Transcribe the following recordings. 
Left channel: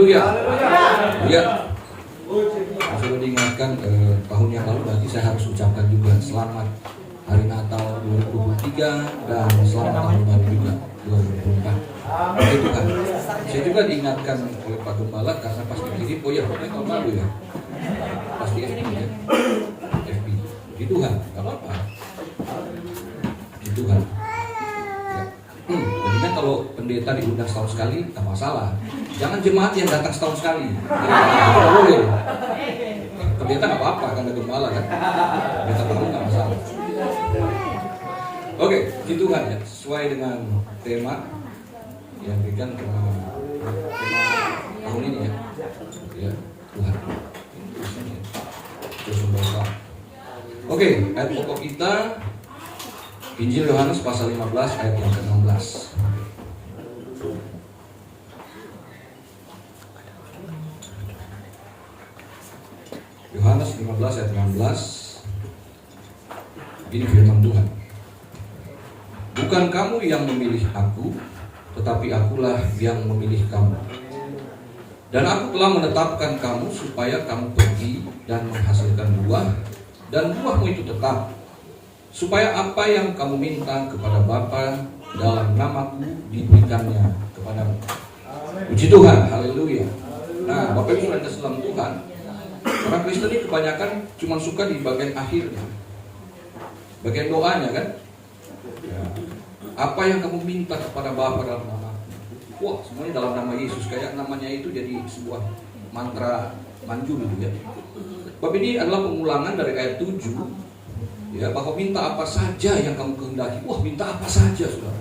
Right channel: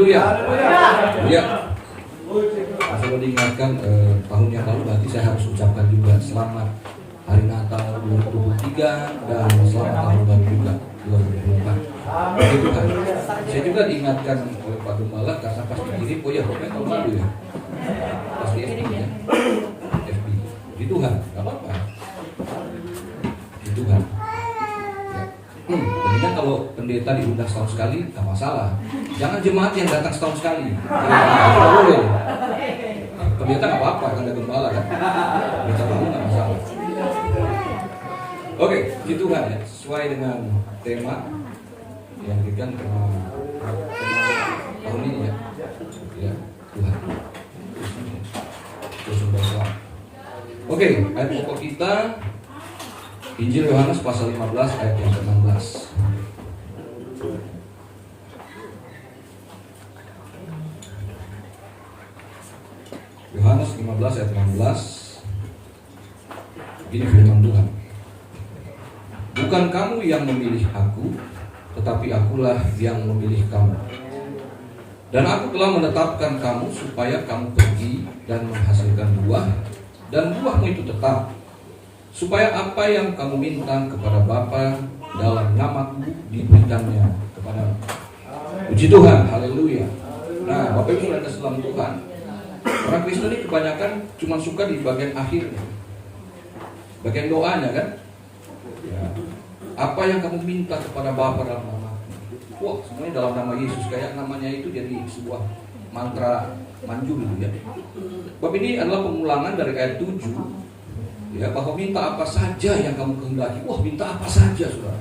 Haleluya. Ya. Saya diingatkan tahun yang lalu, nanti saya harus ucapkan juga selamat Hari Natal 2023 dan selamat tahun baru juga 2024. Saya juga diingatkan oleh Pak Gembala karena pas dikirim, oh ya, tahun lalu ya, pasti FB ya, FB. Di Tuhan, nggak apa-apa. Di Tuhan. Ya. Jadi kan kalau pendeta diundang setahun sekali, nggak masalah. Jangan jemaat yang datang setahun sekali. Nggak boleh. Pendeta nggak apa-apa, kan ada gembala kan. Pendeta baru nggak masalah. Oke, gitu kan ya, sesuai dengan tema yang diberikan tema tahun ini ya, ya Tuhan. Oke, ayat pokok kita Injil Yohanes pasal 15 ayat yang ke-16. Yohanes 15 ayat 16. Ini firman Tuhan. Bukan kamu yang memilih aku, tetapi akulah yang memilih kamu. Dan aku telah menetapkan kamu supaya kamu pergi dan menghasilkan buah, dan buahmu itu tetap, supaya apa yang kamu minta kepada Bapa dalam namaku diberikannya kepadamu. Puji Tuhan, haleluya. Nah, Bapak Ibu Saudara dalam Tuhan, orang Kristen ini kebanyakan cuma suka di bagian akhirnya, bagian doanya kan. Ya. Apa yang kamu minta kepada Bapa dalam nama? Wah, semuanya dalam nama Yesus. Kayak namanya itu jadi sebuah mantra manjur gitu ya. Bab ini adalah pengulangan dari ayat 7. Ya, bahwa minta apa saja yang kamu kehendaki. Wah, minta apa saja, Saudara.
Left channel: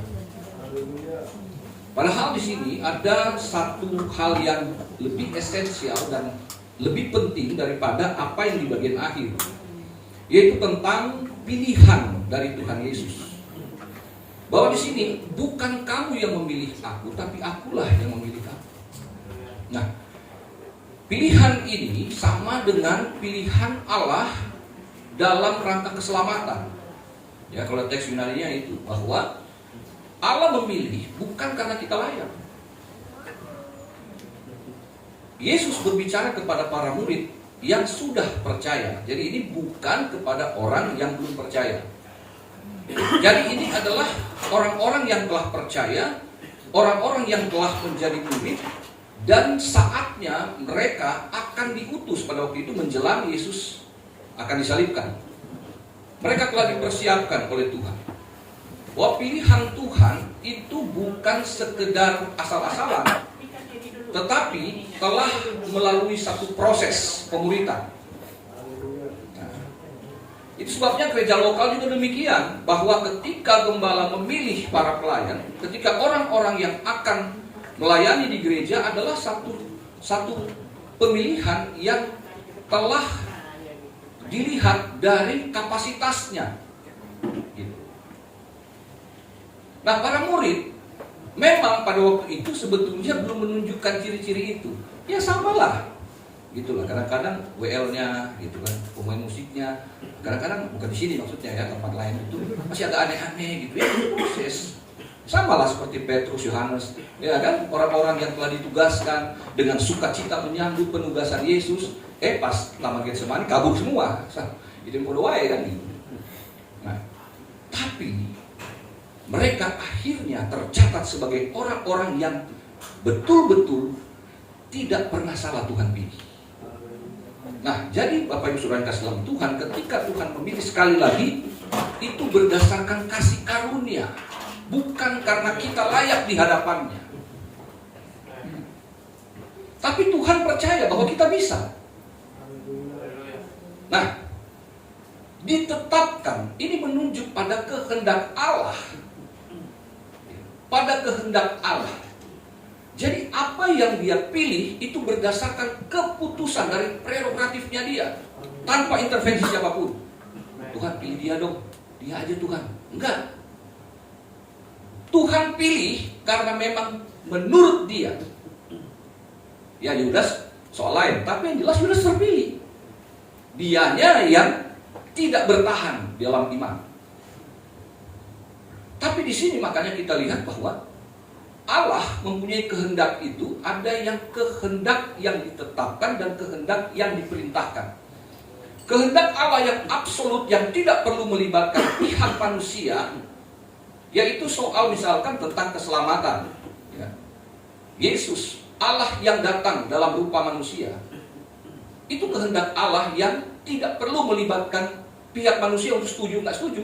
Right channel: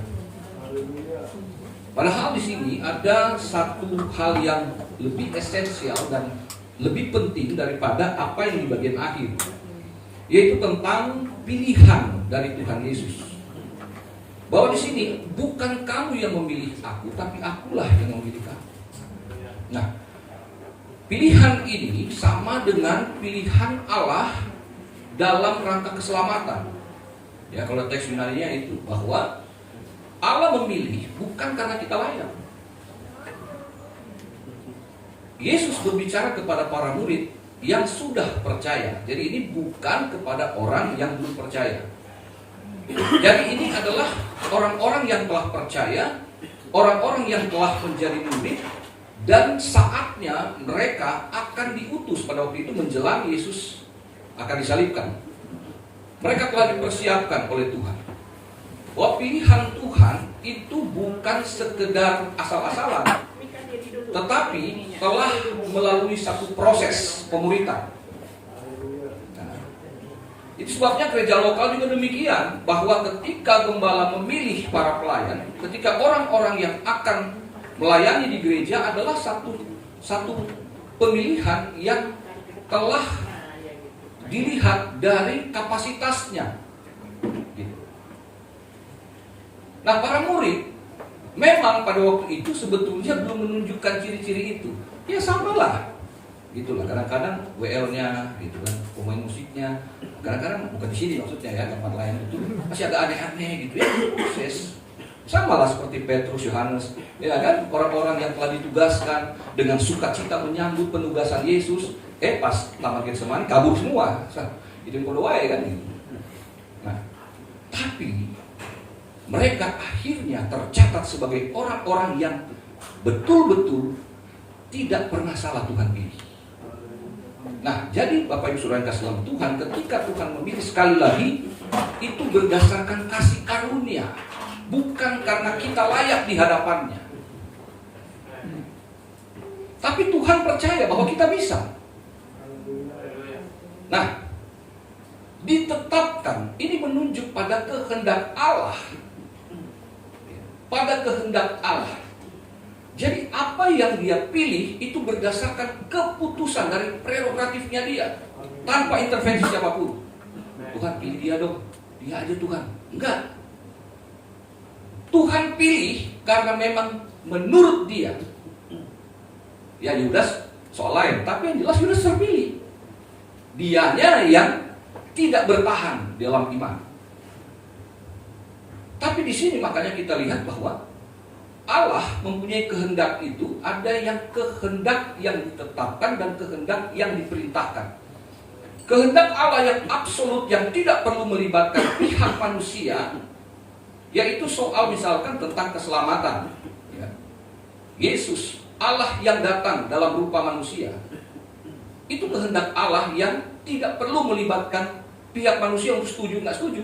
Padahal di sini ada satu hal yang lebih esensial dan lebih penting daripada apa yang di bagian akhir, yaitu tentang pilihan dari Tuhan Yesus. Bahwa di sini bukan kamu yang memilih aku, tapi akulah yang memilih kamu. Nah, pilihan ini sama dengan pilihan Allah dalam rangka keselamatan. Ya, kalau teks Yunaninya itu bahwa Allah memilih bukan karena kita layak. Yesus berbicara kepada para murid yang sudah percaya. Jadi ini bukan kepada orang yang belum percaya. Jadi ini adalah orang-orang yang telah percaya, orang-orang yang telah menjadi murid, dan saatnya mereka akan diutus pada waktu itu menjelang Yesus akan disalibkan. Mereka telah dipersiapkan oleh Tuhan. Bahwa pilihan Tuhan itu bukan sekedar asal-asalan, tetapi telah melalui satu proses pemuritan. Itu sebabnya gereja lokal juga demikian, bahwa ketika gembala memilih para pelayan, ketika orang-orang yang akan melayani di gereja adalah satu pemilihan yang telah dilihat dari kapasitasnya. Nah, para murid memang pada waktu itu sebetulnya belum menunjukkan ciri-ciri itu. Ya samalah, gitulah. Kadang-kadang WL-nya, gitu kan, pemain musiknya. Kadang-kadang bukan di sini maksudnya ya, tempat lain itu masih agak aneh-aneh gitu ya, proses. Sama lah seperti Petrus, Yohanes, ya kan, orang-orang yang telah ditugaskan dengan sukacita menyambut penugasan Yesus, pas Taman Getsemani kabur semua, itu yang kodowai kan. Nah, tapi mereka akhirnya tercatat sebagai orang-orang yang betul-betul tidak pernah salah Tuhan pilih. Nah, jadi Bapak Ibu Saudara yang kasih dalam Tuhan, ketika Tuhan memilih sekali lagi, itu berdasarkan kasih karunia, bukan karena kita layak di hadapannya. Tapi Tuhan percaya bahwa kita bisa. Nah, ditetapkan, ini menunjuk pada kehendak Allah. Pada kehendak Allah. Jadi apa yang dia pilih itu berdasarkan keputusan dari prerogatifnya dia, tanpa intervensi siapapun. Tuhan pilih dia dong, dia aja Tuhan. Enggak. Tuhan pilih karena memang menurut dia. Ya Yudas soal lain, tapi yang jelas Yudas terpilih. Dianya yang tidak bertahan dalam iman. Tapi di sini makanya kita lihat bahwa Allah mempunyai kehendak itu, ada yang kehendak yang ditetapkan dan kehendak yang diperintahkan. Kehendak Allah yang absolut, yang tidak perlu melibatkan pihak manusia, yaitu soal misalkan tentang keselamatan. Ya. Yesus, Allah yang datang dalam rupa manusia, itu kehendak Allah yang tidak perlu melibatkan pihak manusia untuk setuju nggak setuju.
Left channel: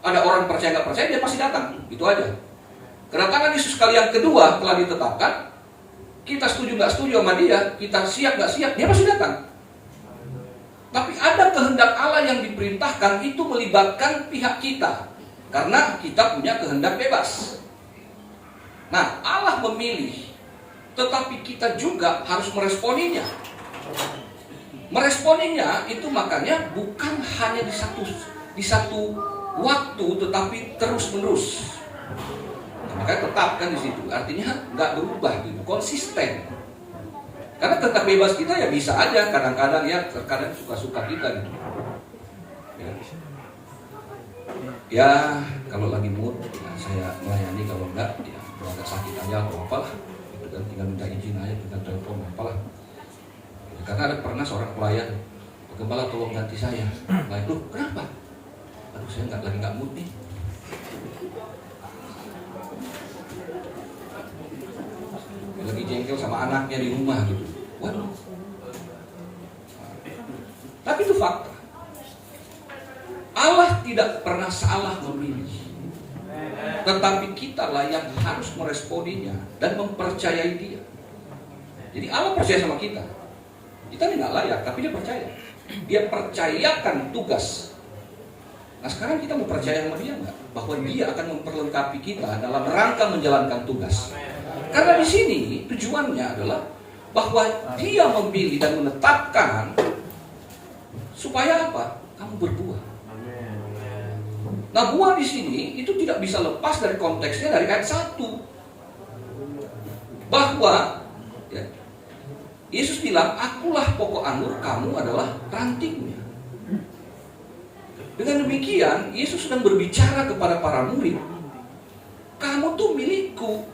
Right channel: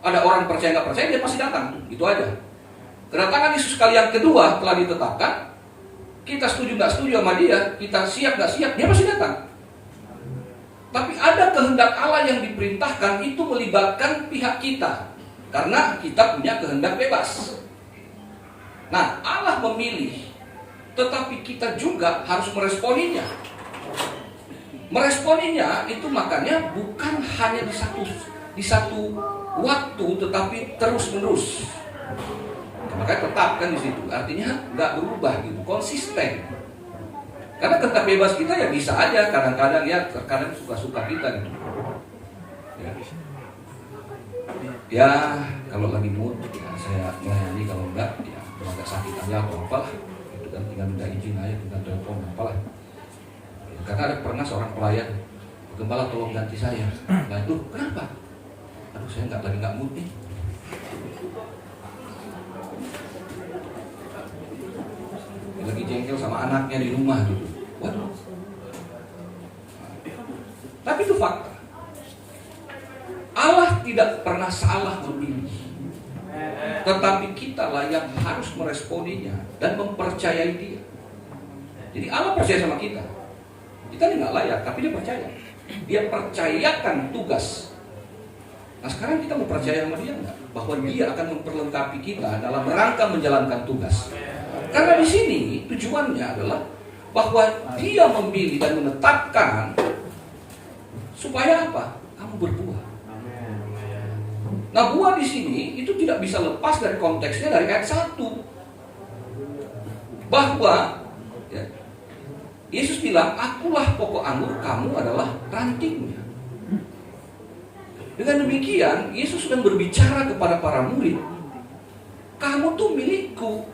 Ada orang percaya nggak percaya, dia pasti datang, gitu aja. Kedatangan Yesus kali yang kedua telah ditetapkan. Kita setuju nggak setuju sama dia, kita siap nggak siap, dia pasti datang. Tapi ada kehendak Allah yang diperintahkan, itu melibatkan pihak kita, karena kita punya kehendak bebas. Nah, Allah memilih, tetapi kita juga harus meresponinya. Meresponinya itu makanya bukan hanya di satu waktu, tetapi terus menerus. Makanya tetapkan di situ, artinya nggak berubah gitu, konsisten. Karena kehendak bebas kita ya bisa aja, kadang-kadang ya, terkadang suka-suka kita gitu. Ya, kalau lagi mood, ya, saya melayani, kalau enggak, ya agak sakit aja atau apalah, itu kan tinggal minta izin aja, tinggal telepon apalah. Karena ada pernah seorang pelayan, "Gembala tolong ganti saya." Loh, kenapa? Aduh, saya lagi nggak mood nih. Lagi jengkel sama anaknya di rumah gitu. Waduh. Tapi itu fakta. Allah tidak pernah salah memilih. Tetapi kitalah yang harus meresponinya dan mempercayai dia. Jadi Allah percaya sama kita. Kita ini nggak layak, tapi dia percaya. Dia percayakan tugas. Nah, sekarang kita mau percaya sama dia nggak? Bahwa dia akan memperlengkapi kita dalam rangka menjalankan tugas. Karena di sini tujuannya adalah bahwa dia memilih dan menetapkan supaya apa? Kamu berbuah. Nah, buah di sini itu tidak bisa lepas dari konteksnya dari ayat 1. Bahwa ya, Yesus bilang, "Akulah pokok anggur, kamu adalah rantingnya." Dengan demikian, Yesus sedang berbicara kepada para murid, "Kamu tuh milikku.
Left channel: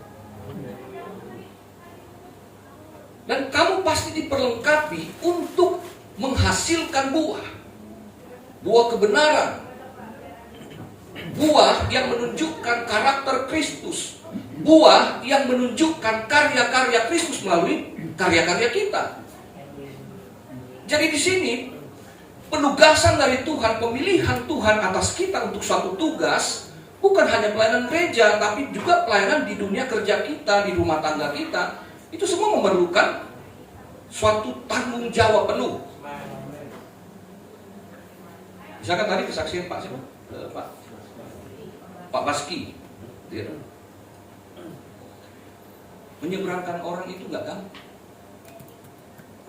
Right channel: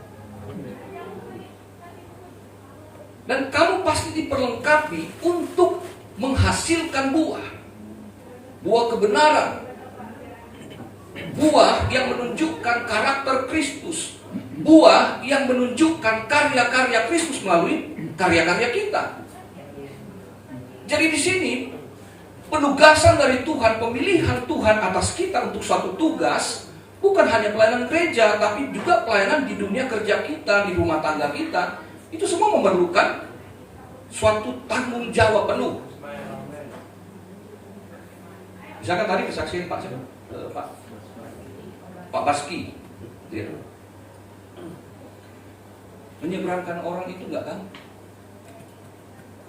Dan kamu pasti diperlengkapi untuk menghasilkan buah. Buah kebenaran. Buah yang menunjukkan karakter Kristus. Buah yang menunjukkan karya-karya Kristus melalui karya-karya kita." Jadi di sini penugasan dari Tuhan, pemilihan Tuhan atas kita untuk suatu tugas, bukan hanya pelayanan gereja, tapi juga pelayanan di dunia kerja kita, di rumah tangga kita. Itu semua memerlukan suatu tanggung jawab penuh. Misalkan tadi kesaksian Pak Baski, ya. Menyeberangkan orang itu nggak gampang.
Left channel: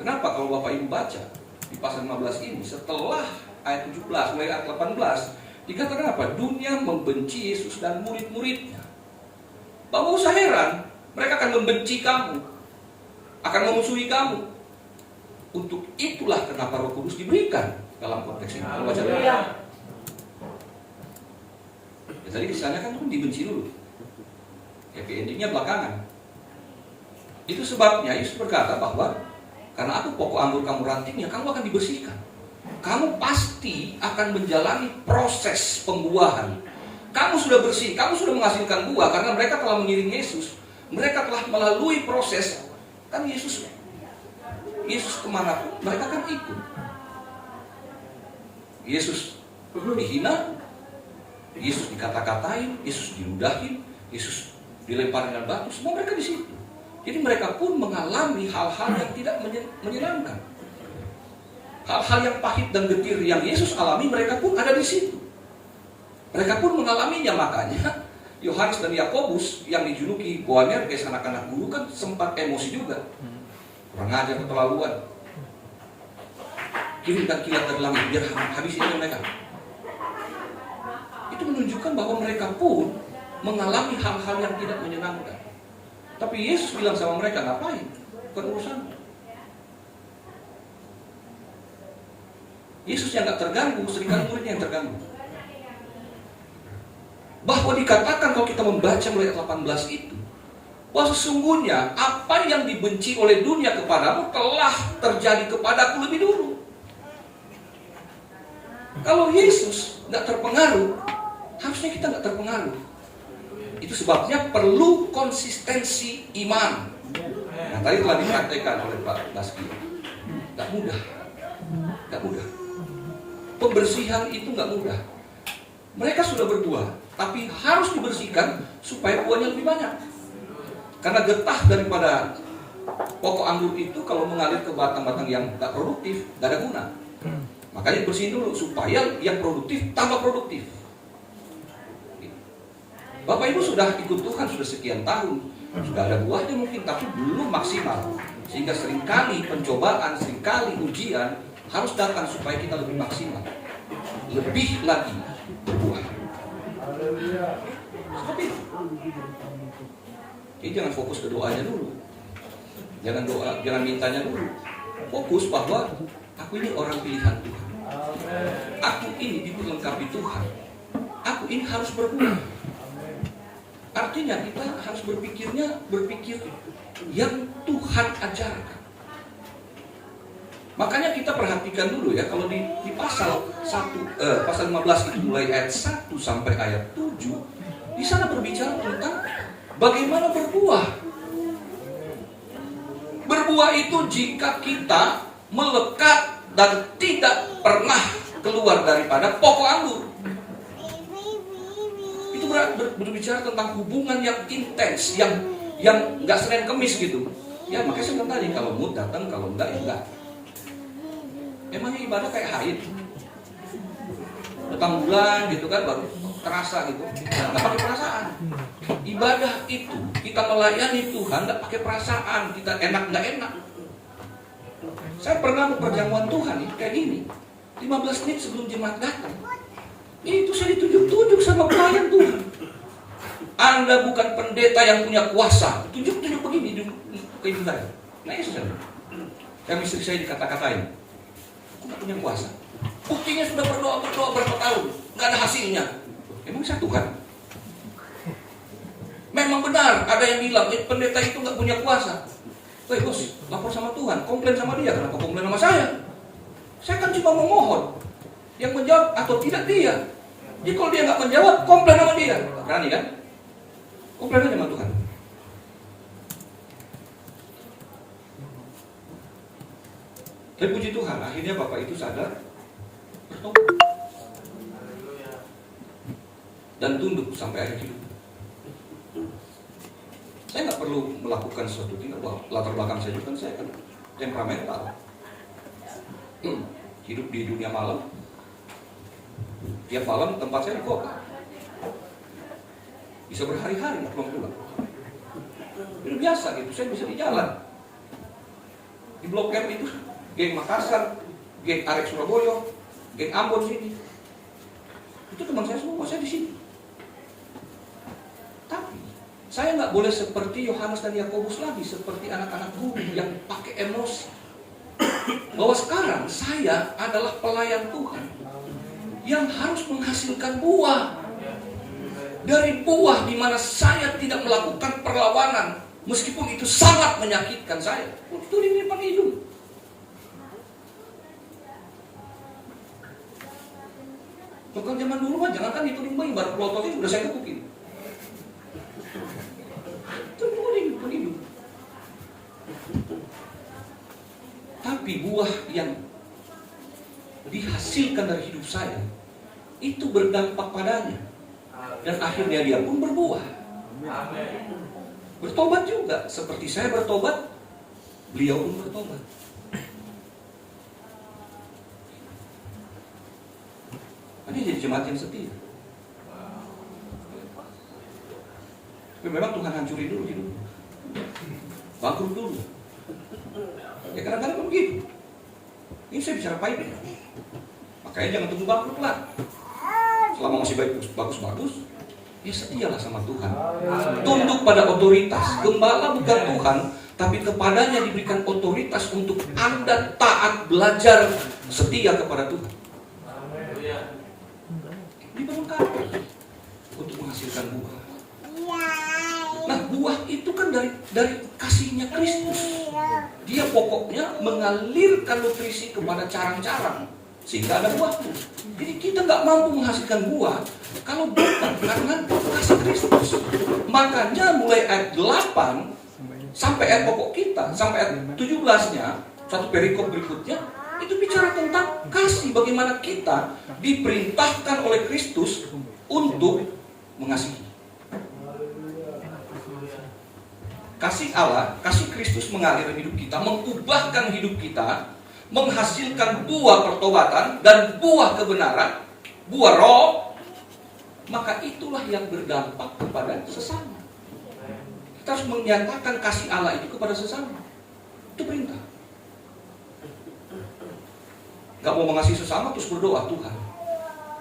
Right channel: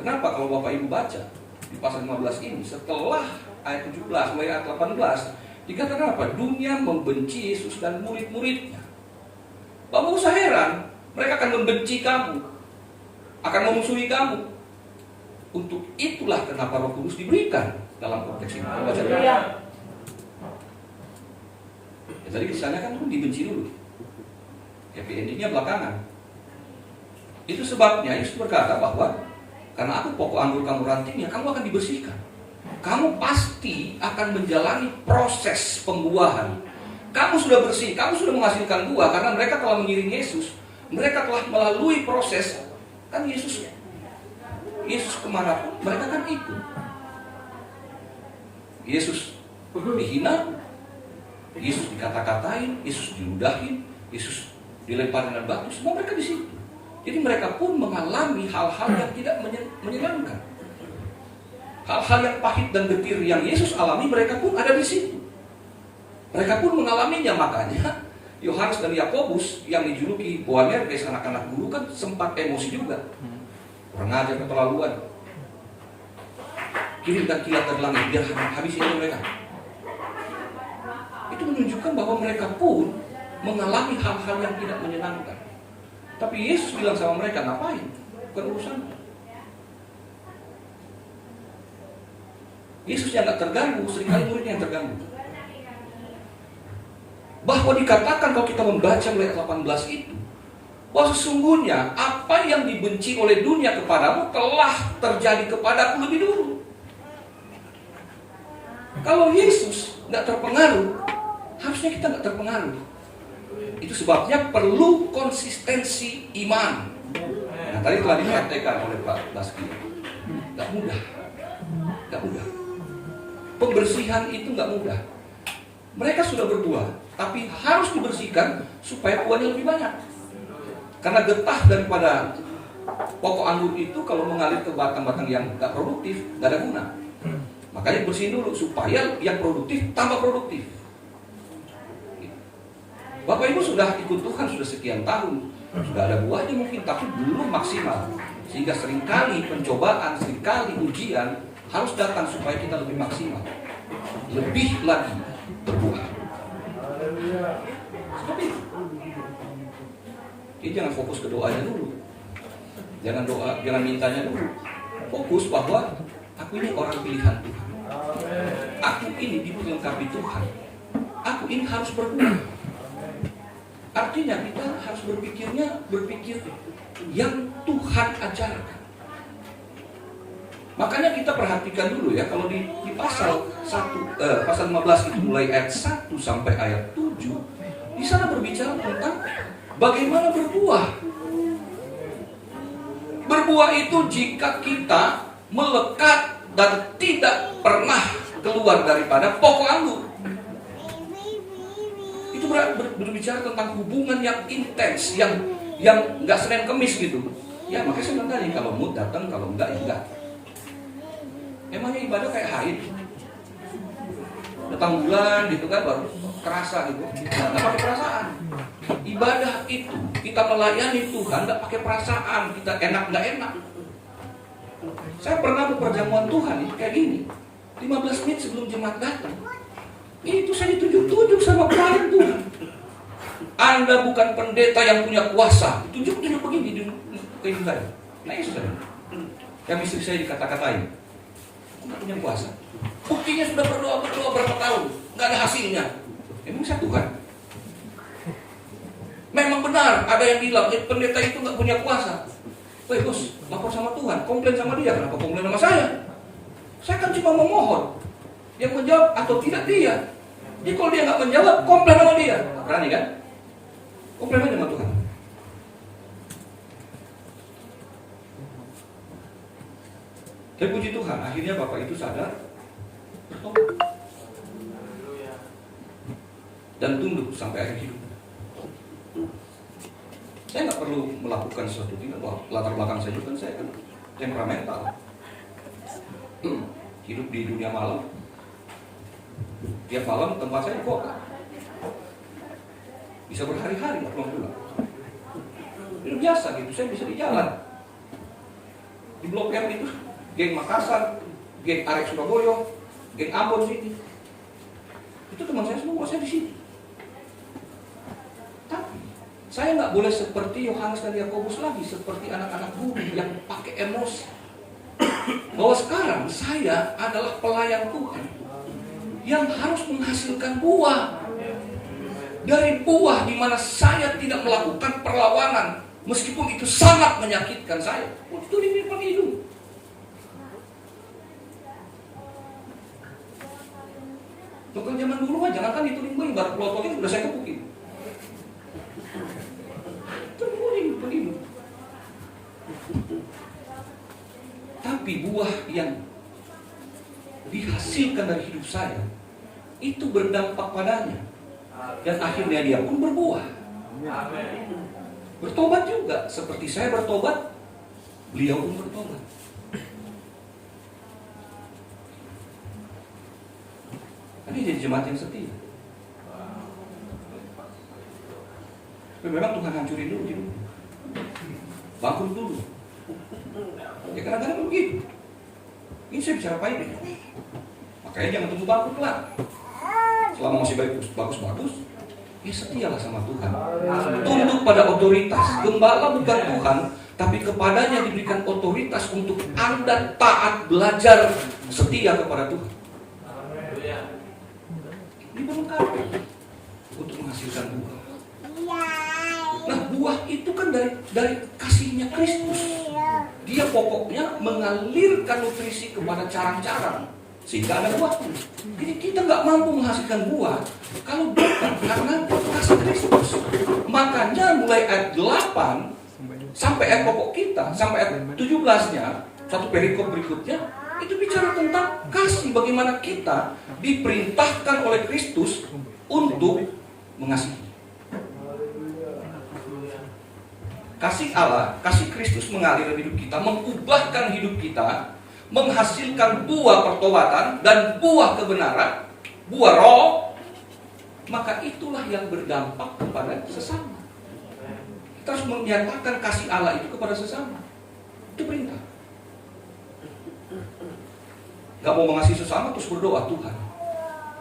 Kenapa? Kalau Bapak Ibu baca di pasal 15 ini, setelah ayat 17 sampai ayat 18, dikatakan apa? Dunia membenci Yesus dan murid-muridnya. Bapak usah heran, mereka akan membenci kamu, akan memusuhi kamu. Untuk itulah kenapa Roh Kudus diberikan dalam konteks ini. Baca dulu. Ya, tadi kisahnya kan dibenci dulu. Happy endingnya belakangan. Itu sebabnya Yesus berkata bahwa karena aku pokok anggur, kamu rantingnya, kamu akan dibersihkan. Kamu pasti akan menjalani proses pembuahan. Kamu sudah bersih, kamu sudah menghasilkan buah karena mereka telah mengiring Yesus. Mereka telah melalui proses. Kan Yesus kemanapun mereka kan ikut. Yesus dihina, Yesus dikata-katain, Yesus diludahin, Yesus dilempar dengan batu, semua mereka di situ. Jadi mereka pun mengalami hal-hal yang tidak menyenangkan. Hal-hal yang pahit dan getir yang Yesus alami, mereka pun ada di situ. Mereka pun mengalaminya, makanya Yohanes dan Yakobus yang dijuluki Boanerges, anak-anak guru, kan sempat emosi juga. Kurang ajar, keterlaluan. Kirimkan kilat dari langit biar habisin mereka. Itu menunjukkan bahwa mereka pun mengalami hal-hal yang tidak menyenangkan. Tapi Yesus bilang sama mereka, ngapain? Bukan urusan. Yesus yang gak terganggu, seringkali muridnya yang terganggu. Bahwa dikatakan kalau kita membaca mulai 18 itu, bahwa sesungguhnya apa yang dibenci oleh dunia kepadamu telah terjadi kepadaku lebih dulu. Kalau Yesus nggak terpengaruh, harusnya kita nggak terpengaruh. Itu sebabnya perlu konsistensi iman. Nah, tadi telah dikatakan oleh Pak Baski, nggak mudah, nggak mudah. Pembersihan itu nggak mudah. Mereka sudah berbuah, tapi harus dibersihkan supaya buahnya lebih banyak. Karena getah daripada pokok anggur itu kalau mengalir ke batang-batang yang nggak produktif, nggak ada guna. Makanya bersihin dulu supaya yang produktif tambah produktif. Bapak Ibu sudah ikut Tuhan sudah sekian tahun, sudah ada buahnya mungkin, tapi belum maksimal. Sehingga seringkali pencobaan, seringkali ujian harus datang supaya kita lebih maksimal, lebih lagi berbuah. Jadi jangan fokus ke doanya dulu, jangan mintanya dulu. Fokus bahwa aku ini orang pilihan Tuhan, aku ini dilengkapi Tuhan, aku ini harus berbuah. Artinya kita harus berpikir yang Tuhan ajarkan. Makanya kita perhatikan dulu ya, kalau di pasal 15 itu mulai ayat 1 sampai ayat 7, di sana berbicara tentang bagaimana berbuah. Berbuah itu jika kita melekat dan tidak pernah keluar daripada pokok anggur. Itu berbicara tentang hubungan yang intens, yang nggak Senin Kemis gitu. Ya makanya saya bilang tadi, kalau mood datang, kalau enggak ya enggak. Emangnya ibadah kayak haid, datang bulan gitu kan baru terasa gitu, nggak pakai perasaan. Ibadah itu kita melayani Tuhan nggak pakai perasaan, kita enak nggak enak. Saya pernah perjamuan Tuhan kayak gini, 15 menit sebelum jemaat datang, itu saya ditunjuk-tunjuk sama pelayan Tuhan. Anda bukan pendeta yang punya kuasa, tunjuk-tunjuk begini di ibu saya. Nah itu saya, yang istri saya dikata-katain, nggak punya kuasa. Buktinya sudah berdoa berapa tahun, nggak ada hasilnya. Emang saya Tuhan? Memang benar ada yang bilang pendeta itu nggak punya kuasa. Woi bos, lapor sama Tuhan, komplain sama dia, kenapa komplain sama saya? Saya kan cuma memohon, yang menjawab atau tidak dia. Jadi kalau dia nggak menjawab, komplain sama dia. Berani kan? Komplain aja sama Tuhan. Tapi puji Tuhan, akhirnya Bapak itu sadar, bertobat, dan tunduk sampai akhir hidup. Saya nggak perlu melakukan sesuatu, tidak. Latar belakang saya juga, saya kan temperamental, hidup di dunia malam. Tiap malam tempat saya kok bisa berhari-hari nggak pulang. Itu biasa gitu, saya bisa di jalan. Di Blok M itu, geng Makassar, geng Arek Surabaya, geng Ambon sini. Itu teman saya semua, saya di sini. Tapi saya nggak boleh seperti Yohanes dan Yakobus lagi, seperti anak-anak guru yang pakai emosi. Bahwa sekarang saya adalah pelayan Tuhan yang harus menghasilkan buah. Dari buah di mana saya tidak melakukan perlawanan, meskipun itu sangat menyakitkan saya. Itu ini pakai hidung. Tukang zaman dulu mah jangan kan itu limbah, baru pelototnya sudah saya kepukin. Begini. Tapi buah yang dihasilkan dari hidup saya itu berdampak padanya, dan akhirnya dia pun berbuah. Bertobat juga seperti saya bertobat, beliau pun bertobat. Ini jadi jemaat yang setia. Tapi memang Tuhan hancurin dulu hidup, bangkrut dulu. Ya kadang-kadang begitu. Ini saya bicara baik ya. Makanya jangan tunggu bangkrut lah. Selama masih bagus-bagus, ya setialah sama Tuhan. Tunduk pada otoritas. Gembala bukan Tuhan, tapi kepadanya diberikan otoritas untuk Anda taat, belajar setia kepada Tuhan. Ini melengkapi untuk menghasilkan buah. Nah, buah itu kan dari kasihnya Kristus. Dia pokoknya mengalirkan nutrisi kepada carang-carang sehingga ada buah. Jadi kita nggak mampu menghasilkan buah kalau bukan karena kasih Kristus. Makanya mulai ayat 8 sampai ayat pokok kita, sampai ayat 17-nya, satu perikop berikutnya, itu bicara tentang kasih, bagaimana kita diperintahkan oleh Kristus untuk mengasihi. Kasih Allah, kasih Kristus mengalir hidup kita, mengubahkan hidup kita, menghasilkan buah pertobatan dan buah kebenaran, buah roh, maka itulah yang berdampak kepada sesama. Kita harus menyatakan kasih Allah itu kepada sesama. Itu perintah. Gak mau mengasihi sesama terus berdoa, Tuhan,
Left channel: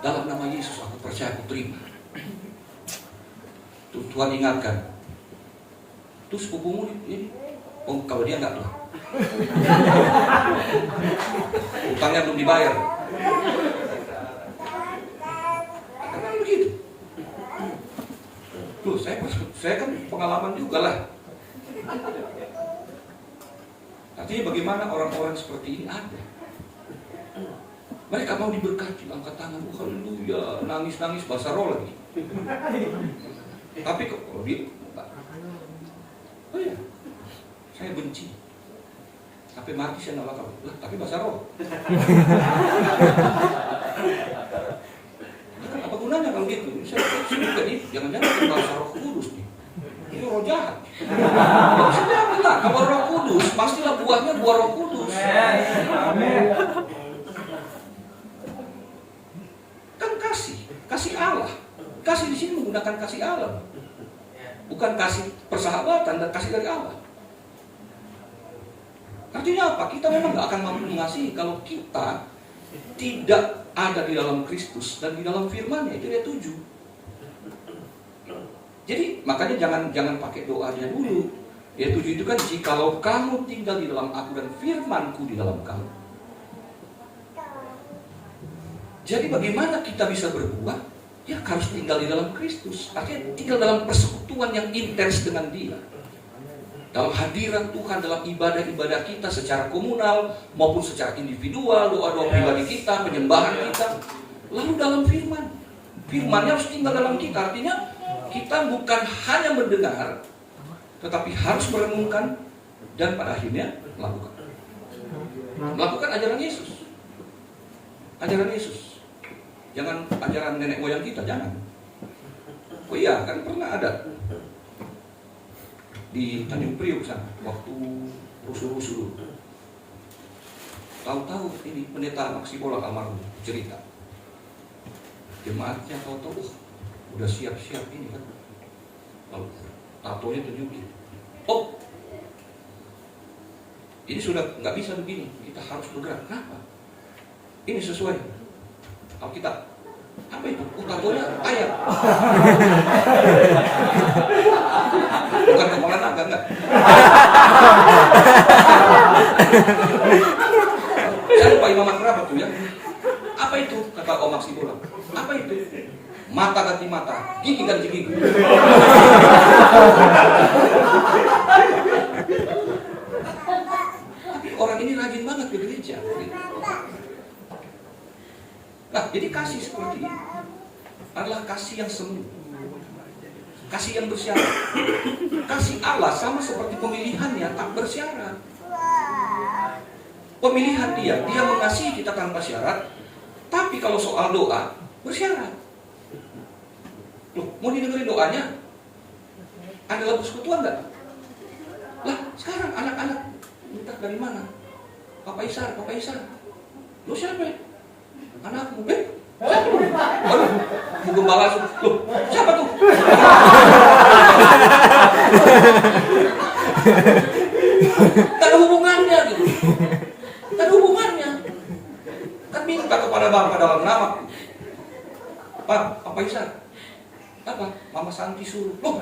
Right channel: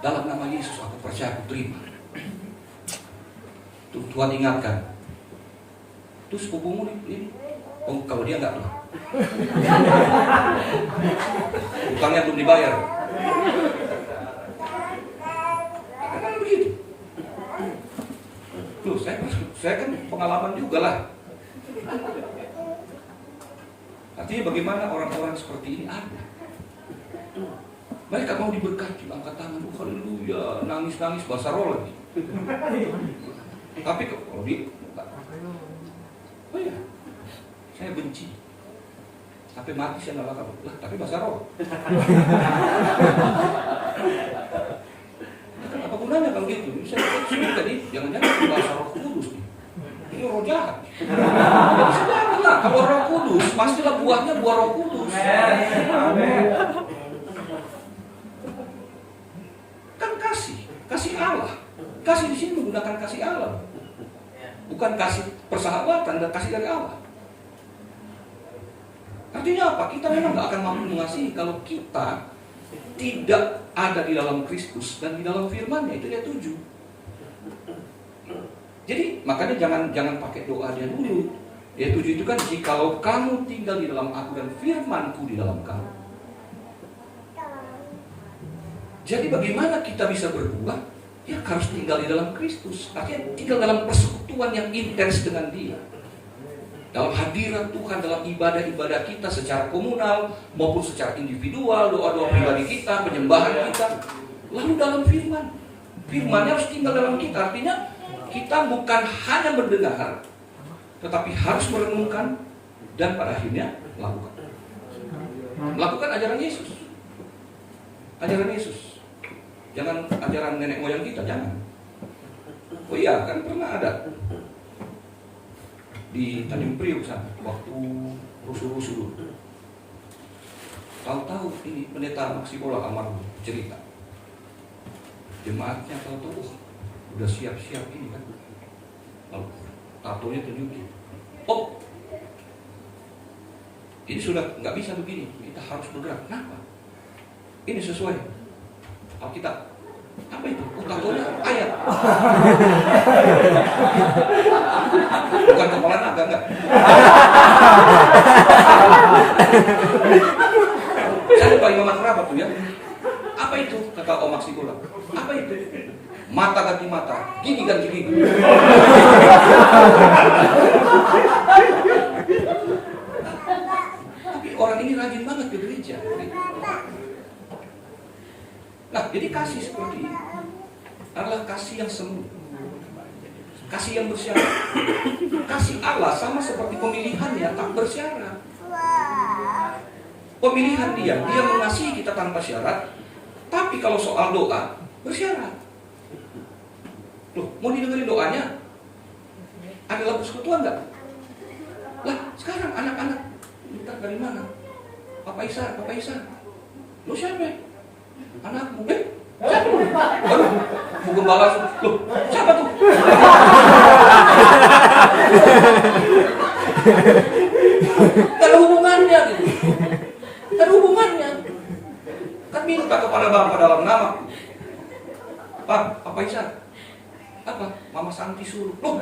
dalam nama Yesus aku percaya, aku terima. Tuhan ingatkan, terus sepupumu ini, oh kalau dia enggak tuh, utangnya belum dibayar. Karena begitu. Loh, saya kan pengalaman juga lah. Artinya bagaimana orang-orang seperti ini ada. Mereka mau diberkati, angkat tangan, haleluya, nangis-nangis, bahasa roh lagi. Tapi kalau dia, oh iya, saya benci. Sampai mati saya nggak bakal. Tapi bahasa roh. Apa gunanya kalau gitu? Saya tadi, jangan-jangan bahasa roh kudus nih. Ini roh jahat. Tidak bisa jangan lah. Kalau roh kudus, pastilah buahnya buah roh kudus. Amin. Kan kasih Allah. Kasih di sini menggunakan kasih Allah, bukan kasih persahabatan dan kasih dari Allah. Artinya apa? Kita memang gak akan mampu mengasihi kalau kita tidak ada di dalam Kristus dan di dalam firman-Nya. Itu ayat 7. Jadi makanya jangan pakai doa dia dulu. Ayat 7 itu kan, jikalau kamu tinggal di dalam aku dan firman-Ku di dalam kamu. Jadi bagaimana kita bisa berbuat? Ya harus tinggal di dalam Kristus. Artinya tinggal dalam persekutuan yang intens dengan Dia. Dalam hadirat Tuhan, dalam ibadah-ibadah kita secara komunal maupun secara individual, doa-doa pribadi kita, penyembahan kita. Lalu dalam firman. Firman-Nya harus tinggal dalam kita. Artinya kita bukan hanya mendengar, tetapi harus merenungkan dan pada akhirnya melakukan. Melakukan ajaran Yesus. Ajaran Yesus. Jangan ajaran nenek moyang kita, jangan. Oh iya, kan pernah ada di Tanjung Priok sana, waktu rusuh-rusuh dulu. Tahu-tahu ini pendeta Maksibola almarhum cerita. Jemaatnya tahu-tahu, udah siap-siap ini kan. Lalu tatonya tunjukin. Oh, ini sudah nggak bisa begini, kita harus bergerak. Kenapa? Ini sesuai Alkitab. Apa itu? Tatonya ayat. Bukan kepala naga, enggak. Saya lupa imam kerabat tuh ya. Apa itu? Kata Om Maksibola. Apa itu? Mata ganti mata, gigi ganti gigi. Tapi orang ini rajin banget ke gereja. Nah, jadi kasih seperti ini adalah kasih yang semu, kasih yang bersyarat. Kasih Allah sama seperti pemilihannya tak bersyarat. Pemilihan dia mengasihi kita tanpa syarat. Tapi kalau soal doa bersyarat. Loh, mau didengerin doanya? Ada persekutuan enggak? Lah, sekarang anak-anak minta dari mana? Papa Isar. Lo siapa? Anakmu, siapa tuh? Aduh, mau gembala langsung. Loh, siapa tuh? Gak ada hubungannya gitu. Gak ada hubungannya. Kan minta kepada Bapa dalam nama. Pak, Papa Isa. Apa? Mama Santi suruh. Loh,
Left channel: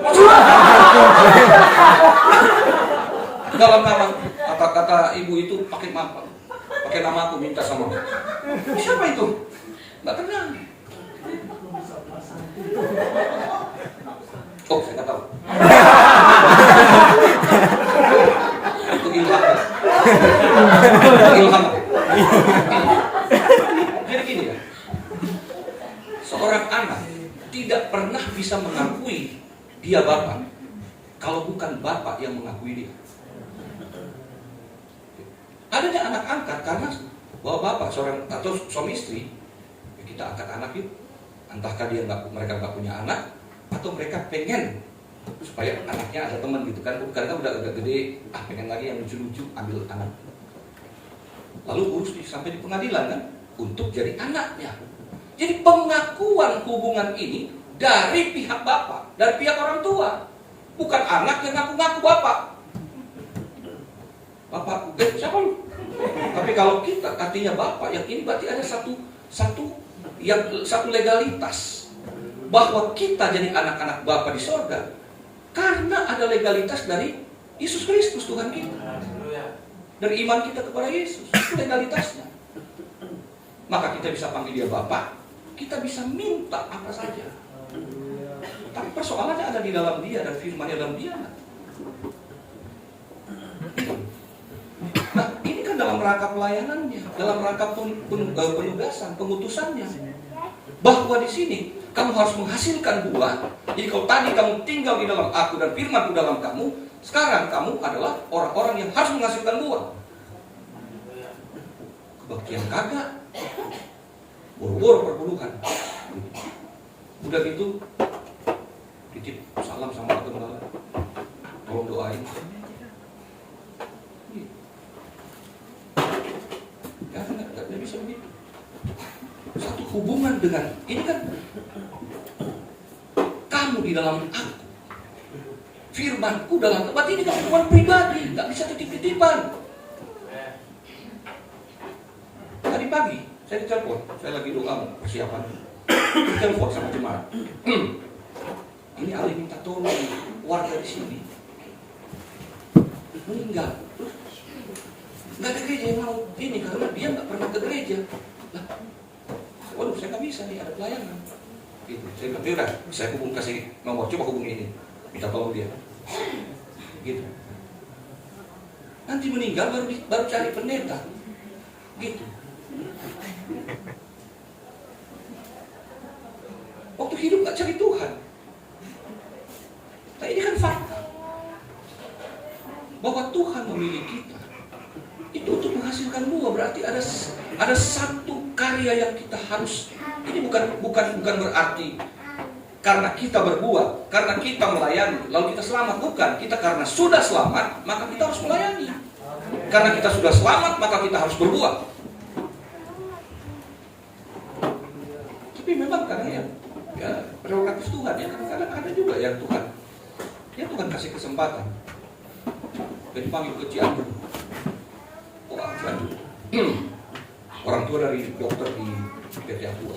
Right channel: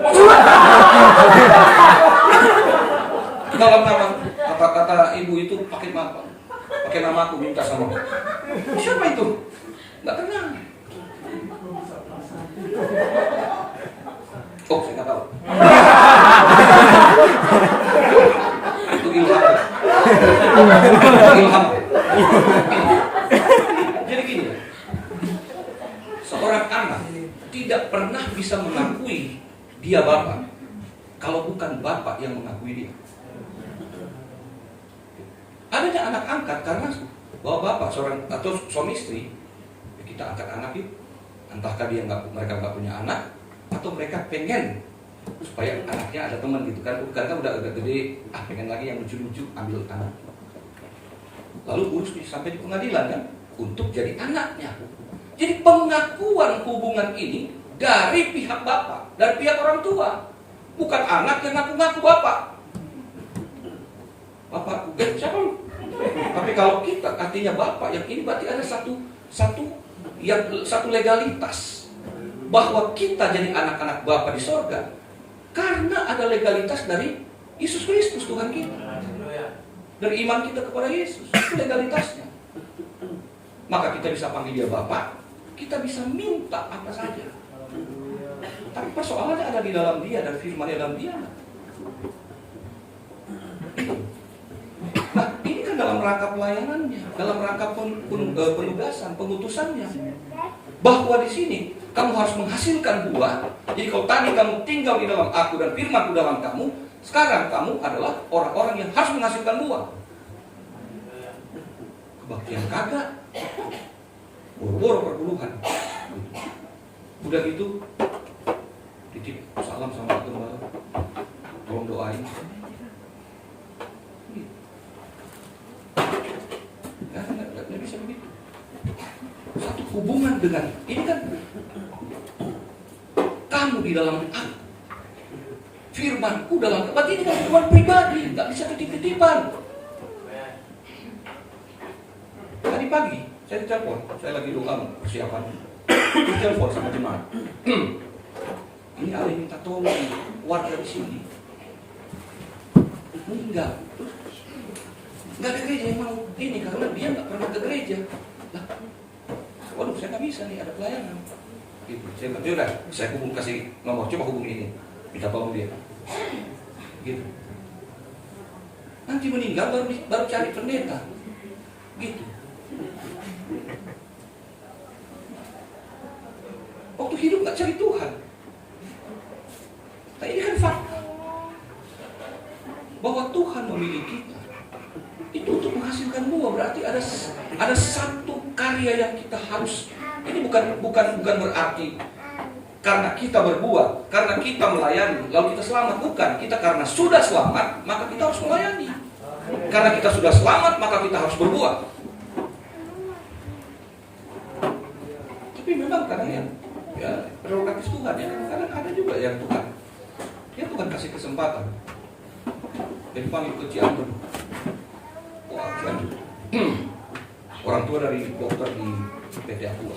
dalam nama, kata ibu itu pakai nama aku, minta sama aku. Siapa itu? Nggak kenal. Oh, saya nggak tahu. Ilham. Jadi gini ya, seorang anak tidak pernah bisa mengakui dia bapak kalau bukan bapak yang mengakui dia. Adanya anak angkat karena bahwa bapak seorang atau suami istri, kita angkat anak itu, entahkah mereka nggak punya anak atau mereka pengen supaya anaknya ada teman gitu kan, karena udah agak gede, pengen lagi yang lucu-lucu, ambil anak. Lalu urus sampai di pengadilan kan untuk jadi anaknya. Jadi pengakuan hubungan ini dari pihak bapak, dari pihak orang tua, bukan anak yang ngaku-ngaku bapak. Bapak, siapa lu? Tapi kalau kita artinya bapak, yang ini berarti ada satu legalitas bahwa kita jadi anak-anak Bapa di sorga karena ada legalitas dari Yesus Kristus Tuhan kita, dari iman kita kepada Yesus. Itu legalitasnya. Maka kita bisa panggil dia Bapa, kita bisa minta apa saja. Tapi persoalannya ada di dalam dia, dan firman dalam dia. Nah, ini kan dalam rangka pelayanannya, dalam rangka penugasan, pengutusannya. Bahwa di sini kamu harus menghasilkan buah. Jadi kalau tadi kamu tinggal di dalam aku dan firmanku dalam kamu, sekarang kamu adalah orang-orang yang harus menghasilkan buah. Kebaktian kagak, boro-boro perpuluhan. Udah gitu, titip salam sama teman, tolong doain. Nggak bisa begitu. Satu hubungan dengan ini kan kamu di dalam aku, firmanku dalam tempat ini kan hubungan pribadi, nggak bisa titip-titipan. Tadi pagi saya ditelepon, saya lagi doa persiapan, ditelepon sama jemaat. Ini ada yang minta tolong warga di sini, meninggal. Nggak ada gereja yang mau ini karena dia nggak pernah ke gereja. Lah, waduh, saya nggak bisa nih, ada pelayanan. Gitu. Saya bilang, udah, saya kasih nomor, coba hubungi ini, minta tolong dia. Gitu. Nanti meninggal baru cari pendeta. Gitu. Waktu hidup nggak cari Tuhan. Nah, ini kan fakta bahwa Tuhan memilih kita itu untuk menghasilkan buah. Berarti ada satu karya yang kita harus. Ini bukan berarti karena kita berbuat, karena kita melayani lalu kita selamat. Bukan. Kita karena sudah selamat maka kita harus melayani. Karena kita sudah selamat maka kita harus berbuat. Tapi memang kadang ya prerogatif Tuhan ya, kadang-kadang ada juga yang Tuhan kasih kesempatan. Jadi panggil ke Cianjur. Wah, Cianjur. Orang tua dari dokter di PT Aqua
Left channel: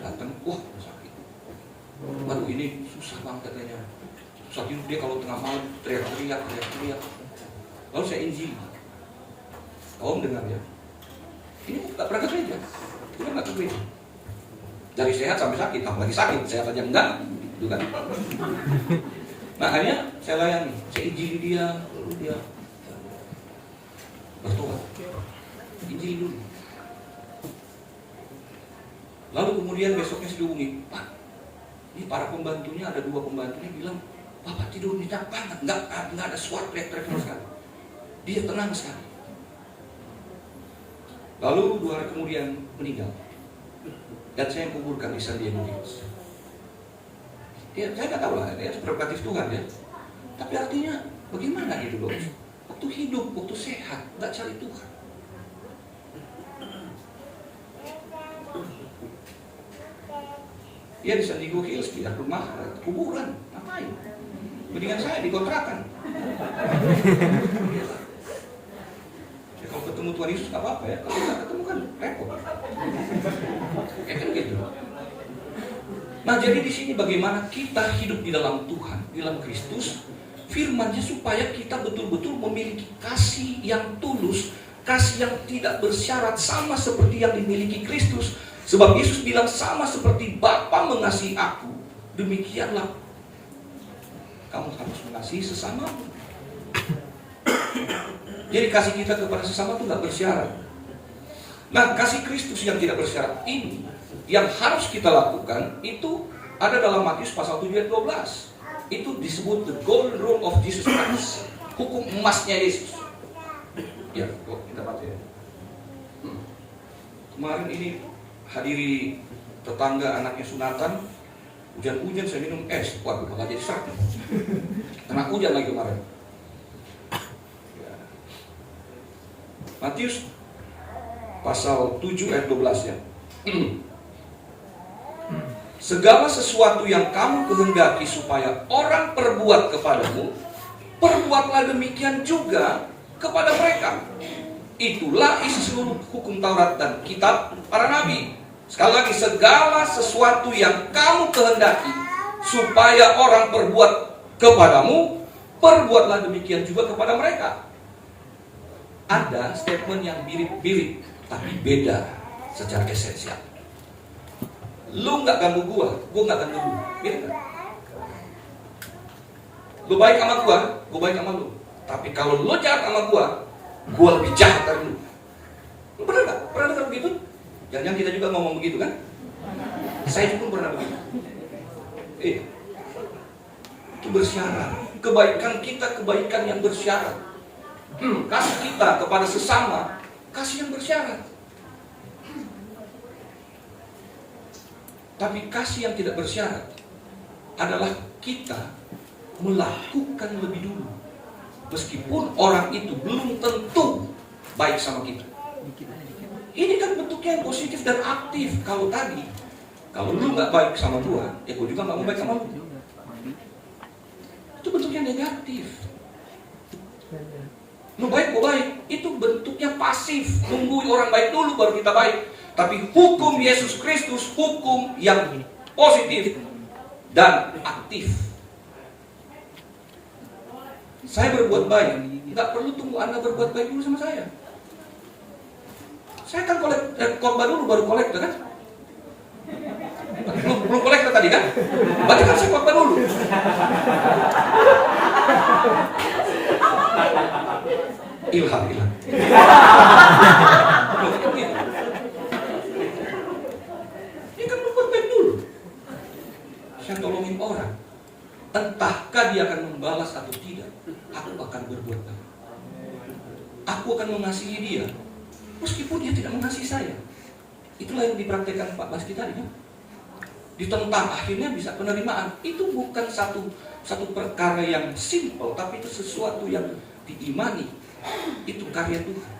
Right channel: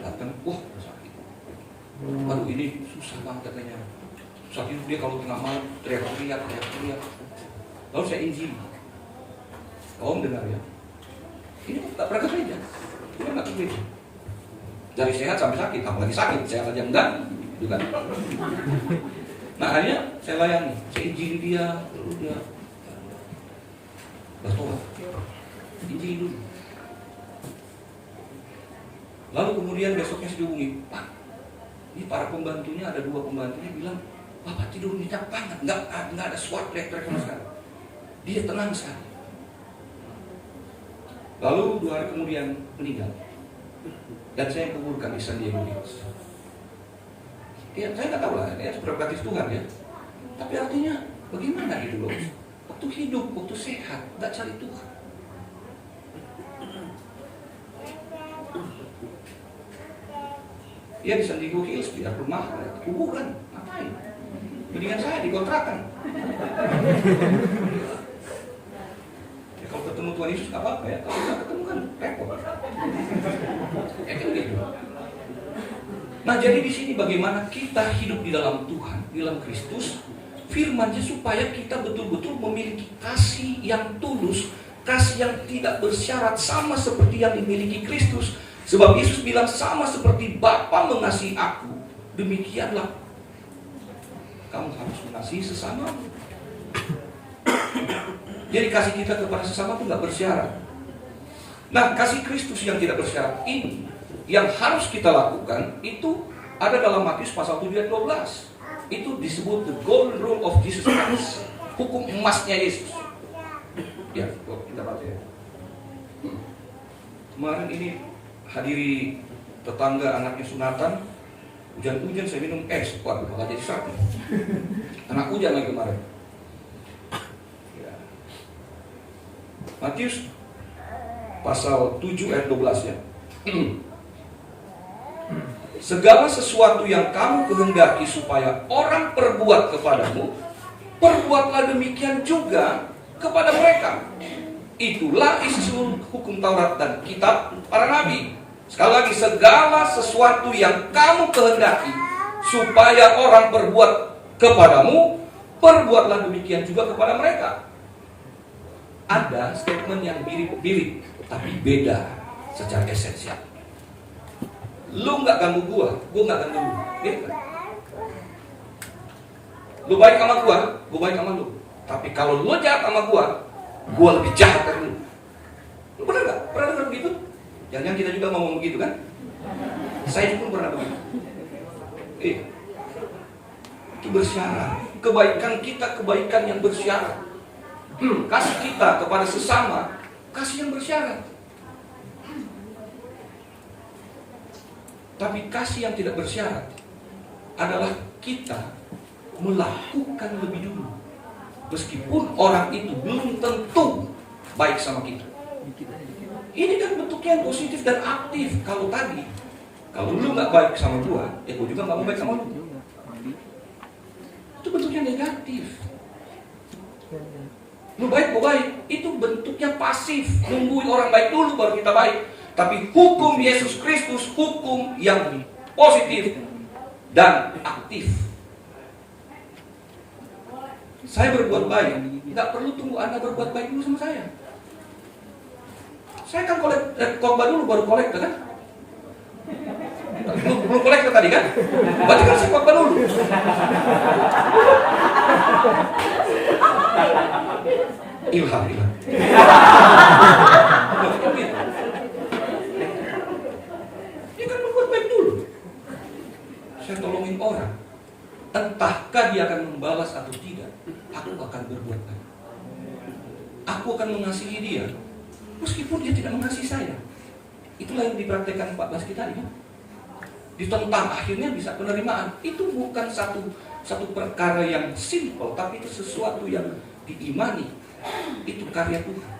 datang, wah sakit. Baru ini susah banget katanya. Sakit dia kalau tengah malam teriak-teriak. Lalu saya izin. Om dengar ya. Ini nggak pernah ke gereja. Dia nggak ke gereja. Dari sehat sampai sakit, apalagi sakit, sehat aja enggak juga. Nah, akhirnya saya layani, saya izin dia, lalu dia bertobat. Izin dulu. Lalu kemudian besoknya saya dihubungi, Pak, ini para pembantunya, ada 2 pembantunya bilang, Bapak tidur nyenyak banget, nggak ada suara teriak-teriak sama sekali. Dia tenang sekali. Lalu 2 hari kemudian meninggal. Dan saya kuburkan di San Diego. Ya, saya nggak tahu lah, ya prerogatif Tuhan ya. Tapi artinya bagaimana gitu loh? Waktu hidup, waktu sehat, nggak cari Tuhan. Dia di San Diego Hills, di rumah kuburan, ngapain? Mendingan saya dikontrakan. Ya, kalau ketemu Tuhan Yesus nggak apa-apa ya, kalau nggak ketemu kan repot. Ya kan gitu. Nah, jadi di sini bagaimana kita hidup di dalam Tuhan, di dalam Kristus, firman-Nya supaya kita betul-betul memiliki kasih yang tulus, kasih yang tidak bersyarat, sama seperti yang dimiliki Kristus. Sebab Yesus bilang sama seperti Bapa mengasihi aku, demikianlah kamu harus mengasihi sesama. Jadi kasih kita kepada sesama itu nggak bersyarat. Nah, kasih Kristus yang tidak bersyarat ini yang harus kita lakukan itu ada dalam Matius pasal 7 ayat 12. Itu disebut the golden rule of Jesus Christ. Hukum emasnya Yesus. Ya, kita baca ya. Kemarin ini hadiri tetangga anaknya sunatan, hujan-hujan saya minum es, waduh malah jadi sakit. Kena hujan lagi kemarin. Ya. Matius pasal 7 ayat 12 ya. Segala sesuatu yang kamu kehendaki supaya orang perbuat kepadamu, perbuatlah demikian juga kepada mereka. Itulah isi seluruh hukum Taurat dan kitab para nabi. Sekali lagi, segala sesuatu yang kamu kehendaki supaya orang perbuat kepadamu, perbuatlah demikian juga kepada mereka. Ada statement yang mirip-mirip, tapi beda secara esensial. Lu nggak ganggu gua nggak ganggu lu. Beda. Lu baik sama gua baik sama lu. Tapi kalau lu jahat sama gua lebih jahat dari lu. Lu pernah nggak? Pernah dengar begitu? Jangan kita juga ngomong begitu kan? Saya juga pernah begitu. Itu bersyarat. Kebaikan kita kebaikan yang bersyarat. Kasih kita kepada sesama kasih yang bersyarat. Tapi kasih yang tidak bersyarat adalah kita melakukan lebih dulu. Meskipun orang itu belum tentu baik sama kita. Ini kan bentuknya yang positif dan aktif. Kalau lu gak baik sama gua, ya gua juga gak mau baik sama lu. Itu bentuknya negatif. Lu baik, gua baik. Itu bentuknya pasif. Nungguin orang baik dulu baru kita baik. Tapi hukum Yesus Kristus, hukum yang positif dan aktif. Saya berbuat baik, nggak perlu tunggu Anda berbuat baik dulu sama saya. Saya kan korban dulu baru kolektor kan? Belum kolektor tadi kan? Berarti kan saya korban dulu. Ilham. Ini kan berbuat baik dulu. Saya tolongin orang. Entahkah dia akan membalas atau tidak, aku akan berbuat baik. Aku akan mengasihi dia, meskipun dia tidak mengasihi saya. Itulah yang dipraktekkan Pak Baski tadi. Ditentang, akhirnya bisa penerimaan. Itu bukan satu perkara yang simple, tapi itu sesuatu yang diimani. Itu karya Tuhan,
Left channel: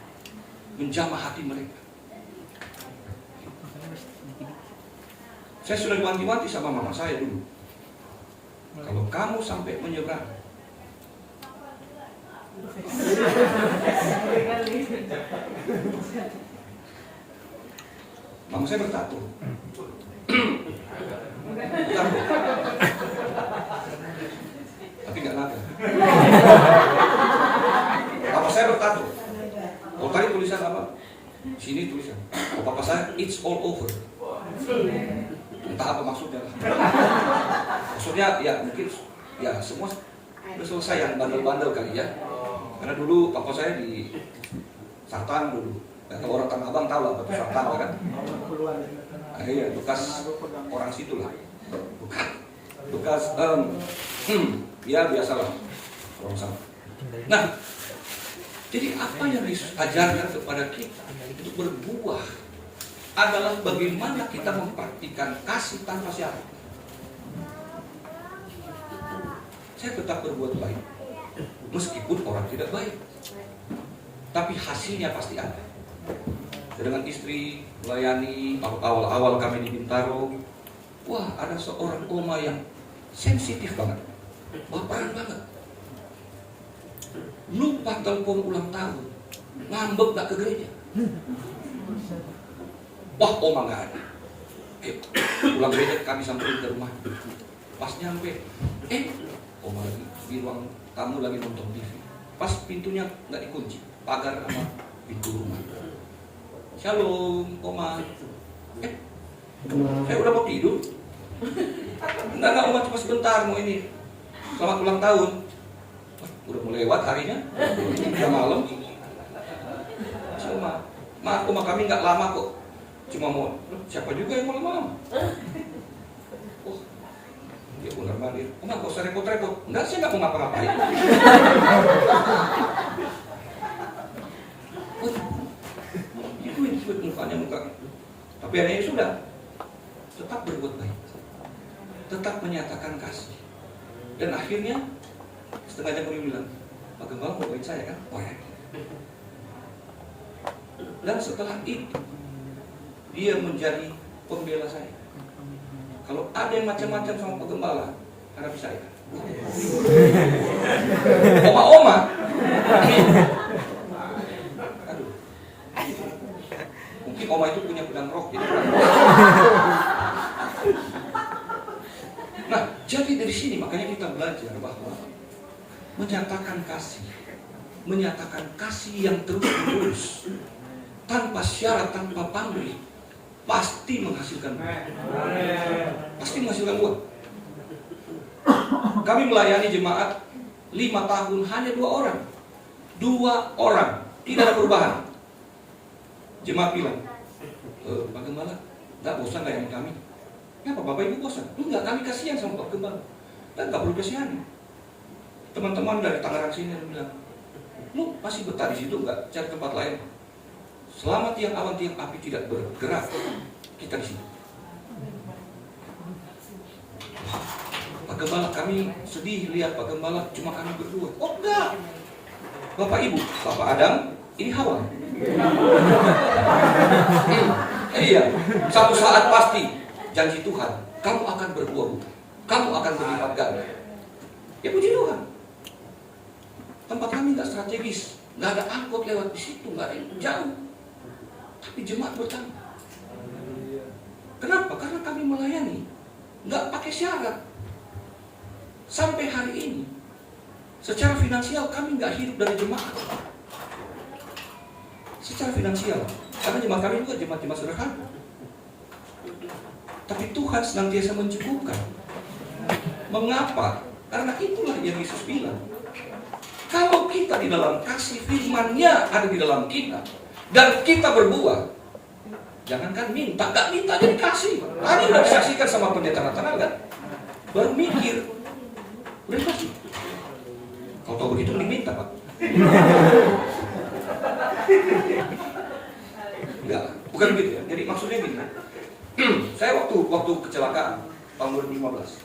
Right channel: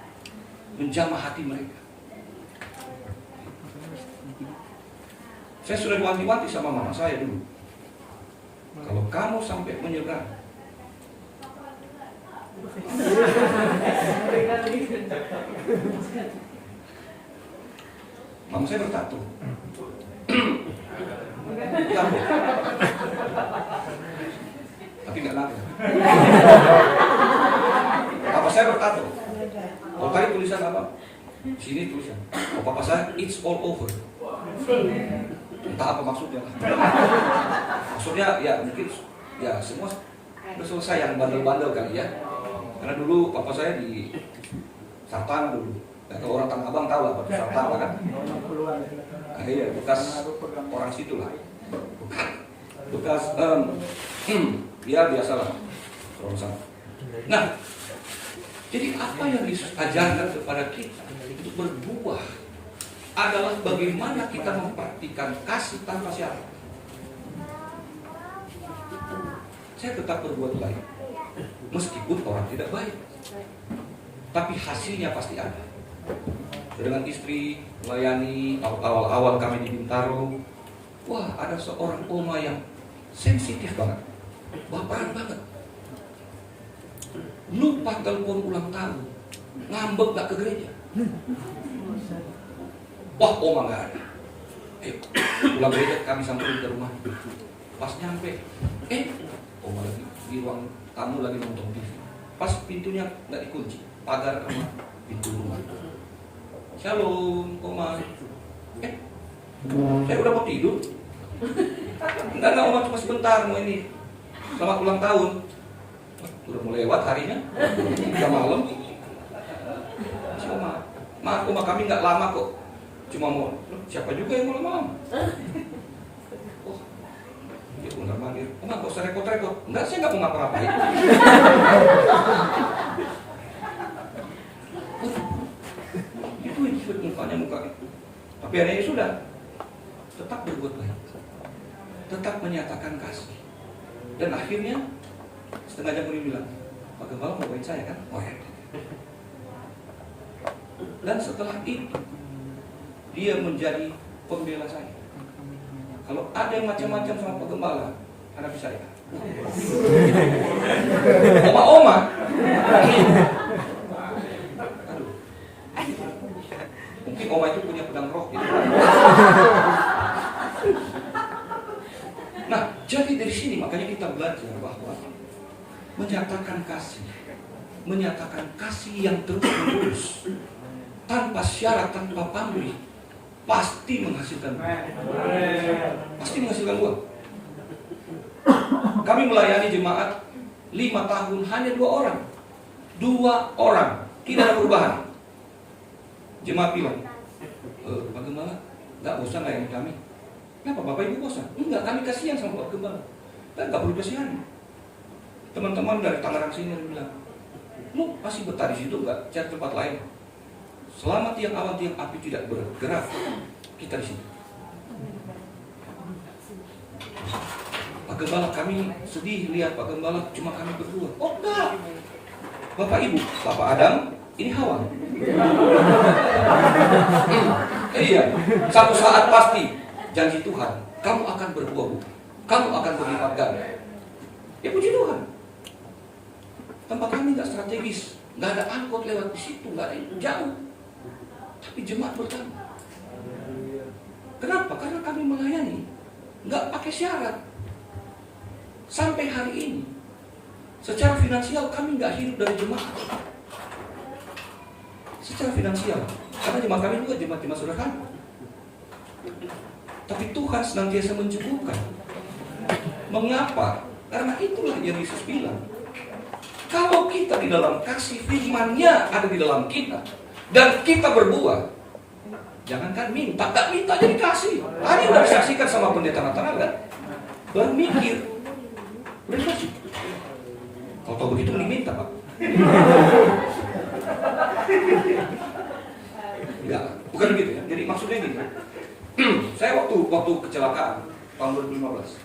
menjamah hati mereka. Saya sudah diwanti-wanti sama mama saya dulu. Kalau kamu sampai menyeberang, mama saya bertato. Tapi nggak naga. Papa saya bertato. Oh tadi tulisan apa? Sini tulisan. Oh papa saya, it's all over. Entah apa maksudnya. Maksudnya ya mungkin ya semua udah selesai yang bandel-bandel kali ya. Karena dulu papa saya di Sartan dulu. Kalau orang Tanah Abang tahu lah Batu Sartan kan. Nah, iya bekas orang situ lah. Bekas ya biasalah orang sana. Nah, jadi apa yang diajarkan kepada kita untuk berbuah adalah bagaimana kita mempraktikkan kasih tanpa syarat. Saya tetap berbuat baik meskipun orang tidak baik, tapi hasilnya pasti ada. Dengan istri melayani awal-awal kami di Bintaro, wah ada seorang oma yang sensitif banget, baperan banget, lupa telepon ulang tahun, ngambek gak ke gereja. Wah, oma nggak ada. Pulang gereja kami sampai ke rumah. Pas nyampe, oma lagi di ruang tamu lagi nonton TV. Pas pintunya nggak dikunci, pagar sama pintu rumah. Shalom, oma. Saya udah mau tidur. Enggak, oma cuma sebentar mau ini. Selamat ulang tahun. Udah mau lewat harinya, udah malam. Maaf Oma, kami nggak lama kok. Cuma mau, siapa juga yang mau lama-lama? Oh, dia undang mandir. Oma, gak usah repot-repot. Enggak, saya nggak mau ngapa-ngapain. Itu mukanya muka itu. Tapi anehnya sudah tetap berbuat baik, tetap menyatakan kasih. Dan akhirnya setengah jam kemudian bilang, Pak Gembala mau baik saya kan? Oh ya. Dan setelah itu dia menjadi pembela saya. Kalau ada yang macam-macam sama Pak Gembala, Anda bisa lihat. Oma-oma. Aduh. Mungkin oma itu punya pedang roh gitu. Nah, jadi dari sini makanya kita belajar bahwa menyatakan kasih yang terus-menerus, tanpa syarat, tanpa pamrih, pasti menghasilkan uang. Kami melayani jemaat 5 tahun hanya 2 orang. 2 orang, tidak ada perubahan. Jemaat bilang, Pak Gembala, nggak bosan layani kami? Kenapa Bapak Ibu bosan? Enggak, kami kasihan sama Pak Gembala. Nggak perlu kasihan. Teman-teman dari Tangerang sini bilang, lu masih betah di situ nggak? Cari tempat lain. Selama tiang awan tiang api tidak bergerak, kita di sini. Pak Gembala, kami sedih lihat Pak Gembala cuma kami berdua. Oh enggak, Bapak Ibu, Bapak Adam, ini Hawa. Iya, satu saat pasti janji Tuhan, kamu akan berbuah, kamu akan berlipat ganda. Ya puji Tuhan. Tempat kami nggak strategis, nggak ada angkot lewat di situ, nggak ada jauh. Tapi jemaat bertambah. Kenapa? Karena kami melayani, nggak pakai syarat. Sampai hari ini, secara finansial kami nggak hidup dari jemaat. Secara finansial, karena jemaat kami juga jemaat sederhana. Tapi Tuhan senantiasa mencukupkan. Mengapa? Karena itulah yang Yesus bilang. Kalau kita di dalam kasih, firman-Nya ada di dalam kita, dan kita berbuah, jangankan minta, tak minta jadi kasih. Tadi udah disaksikan sama pendeta Nathanael kan? Baru mikir, udah kasih. Kalau begitu diminta Pak. Enggak, bukan gitu ya. Jadi maksudnya gini. Saya waktu kecelakaan tahun 2015,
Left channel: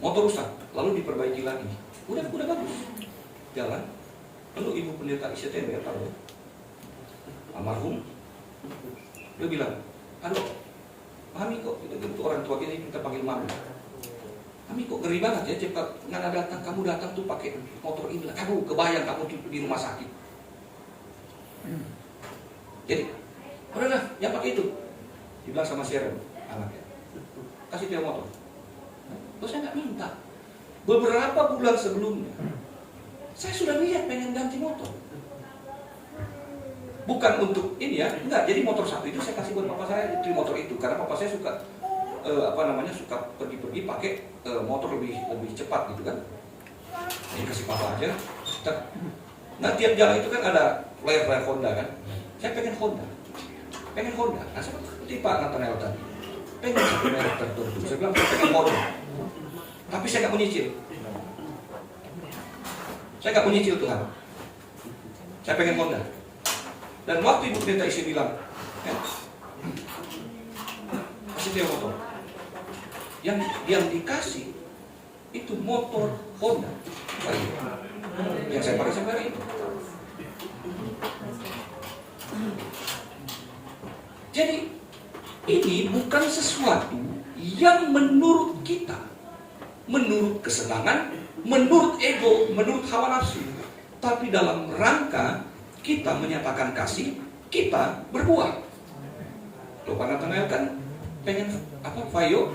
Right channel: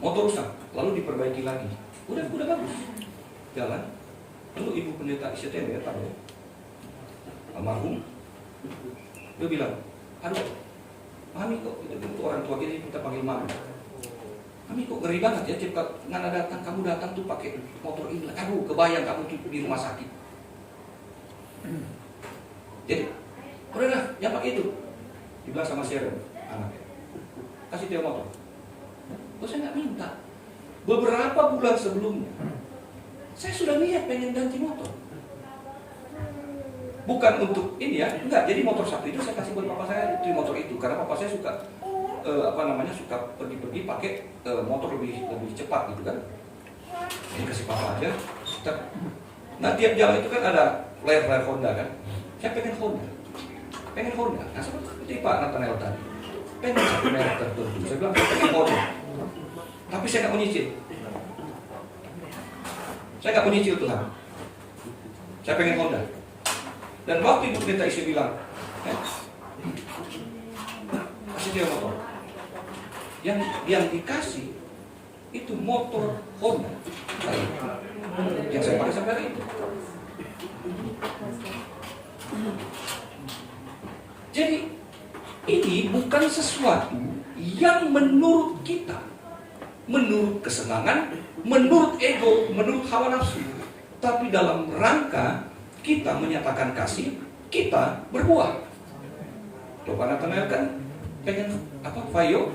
motor rusak, lalu diperbaiki lagi. Udah bagus, jalan. Lalu ibu pendeta ICTN ya, almarhum, dia bilang, aduh, Mami kok itu orang tua kita panggil Mami. Mami kok ngeri banget ya, cepat nggak datang, kamu datang tuh pakai motor ini. Aduh, kebayang kamu di rumah sakit. Jadi, udahlah, yang pakai itu. Dibilang sama Sharon, anaknya, kasih dia motor. Loh, saya nggak minta. Beberapa bulan sebelumnya, saya sudah niat pengen ganti motor. Bukan untuk ini ya, enggak. Jadi motor satu itu saya kasih buat papa saya di motor itu, karena papa saya suka suka pergi-pergi pakai motor lebih cepat gitu kan. Jadi kasih papa aja. Nah tiap jalan itu kan ada flare Honda kan. Saya pengen Honda. Nah seperti Pak Nathanael tadi, pengen satu merek tertentu. Saya bilang pengen Honda. Tapi saya nggak menyicil. Tuhan. Saya pengen Honda. Dan waktu ibu pendeta isi bilang, kasih dia motor. Yang dikasih itu motor Honda. Yang saya pakai sampai hari itu. Jadi ini bukan sesuatu yang menurut kita, menurut kesenangan, menurut ego, menurut hawa nafsu, tapi dalam rangka kita menyatakan kasih, kita berbuah. Loh, Pak Nathanael kan pengen apa? Vaio,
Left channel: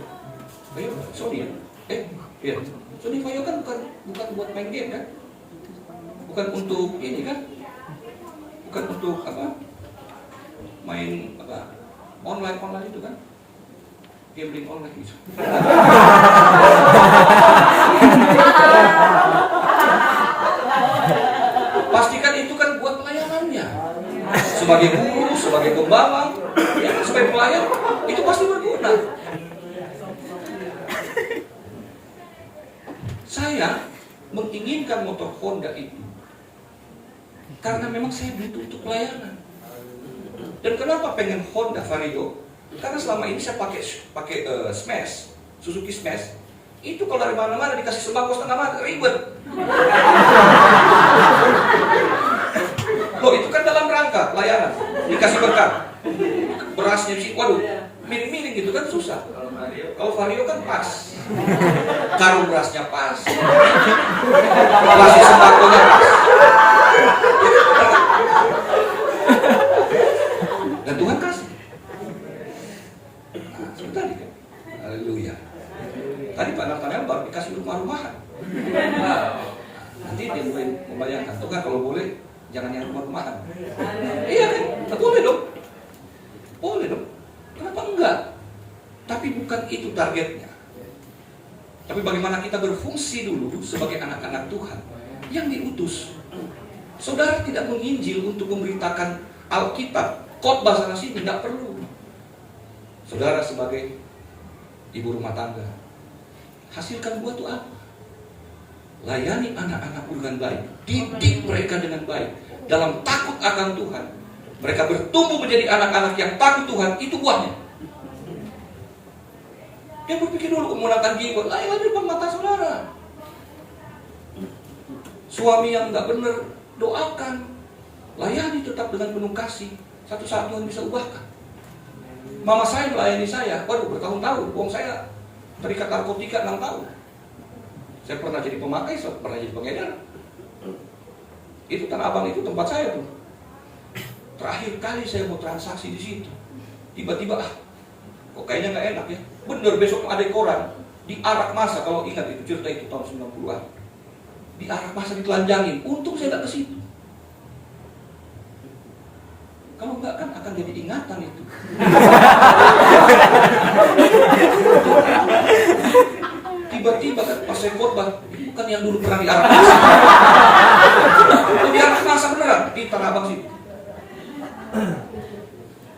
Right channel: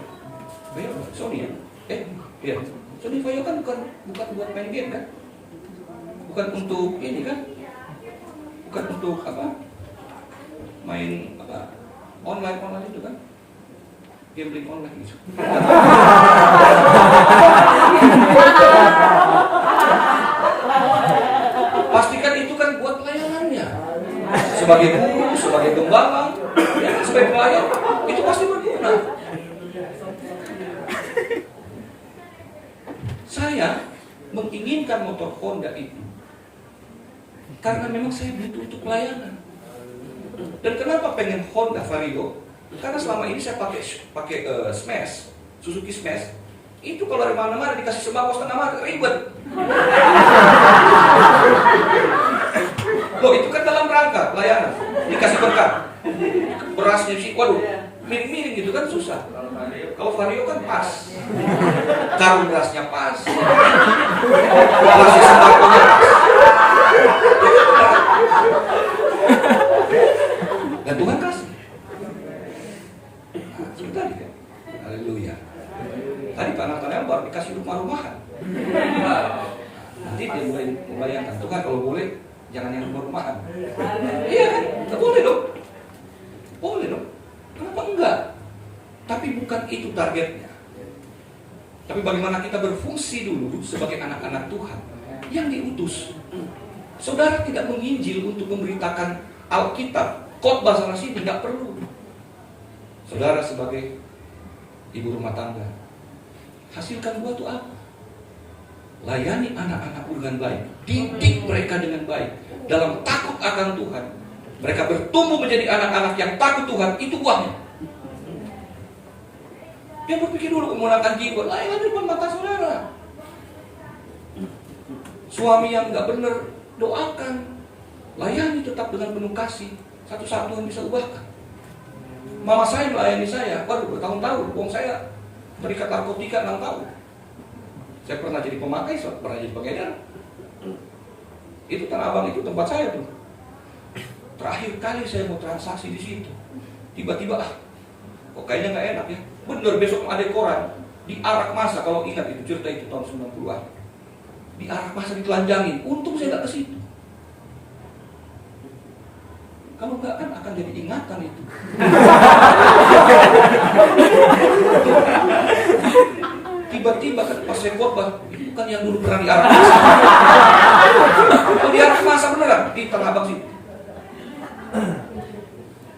Sony ya? Iya. Sony Vaio kan bukan buat main game kan? Bukan untuk ini kan? Bukan untuk apa? Main apa? Online itu kan? Gambling online itu. Pastikan itu kan buat pelayanannya. sebagai guru, sebagai gembala, ya, sebagai pelayan, itu pasti berguna. Saya menginginkan motor Honda itu karena memang saya butuh untuk pelayanan. Dan kenapa pengen Honda Vario? Karena selama ini saya pakai Smash, Suzuki Smash. Itu kalau dari mana-mana dikasih sembako setengah mati, ribet. Loh, itu kan dalam rangka pelayanan, dikasih berkat. Berasnya sih, waduh, miring-miring gitu kan susah. Kalau Vario kan pas, karung berasnya pas, kasih sembakonya pas. Dan Tuhan kasih. Nah, sebentar gitu. Haleluya. Tadi Pak Nathaniel baru dikasih rumah-rumahan. Nanti dia mulai membayangkan, Tuhan kalau boleh jangan yang rumah-rumahan. Iya kan? Boleh dong. Boleh dong. Kenapa enggak? Tapi bukan itu targetnya. Tapi bagaimana kita berfungsi dulu sebagai anak-anak Tuhan yang diutus. Saudara tidak menginjil untuk memberitakan Alkitab, khotbah sana sini, tidak perlu. Saudara sebagai ibu rumah tangga, hasilkan buah itu apa? Layani anak-anak dengan baik, didik mereka dengan baik, dalam takut akan Tuhan. Mereka bertumbuh menjadi anak-anak yang takut Tuhan, itu buahnya. Dia berpikir dulu menggunakan jiwa, layani depan mata saudara. Suami yang nggak benar, doakan, layani tetap dengan penuh kasih. Satu saat Tuhan bisa ubahkan. Mama saya melayani saya, waduh bertahun-tahun, uang saya terikat narkotika 6 tahun. Saya pernah jadi pemakai, pernah jadi pengedar. Itu Tanah Abang itu tempat saya tuh. Terakhir kali saya mau transaksi di situ, tiba-tiba kok kayaknya nggak enak ya. Bener, besok ada koran diarak masa, kalau ingat itu cerita itu tahun 90-an. Diarak masa, ditelanjangin. Untung saya nggak ke situ. Kalau enggak kan akan jadi ingatan itu. Tiba-tiba kan pas saya khotbah, itu bukan yang dulu pernah diarak masa. Itu diarak masa beneran di Tanah Abang situ.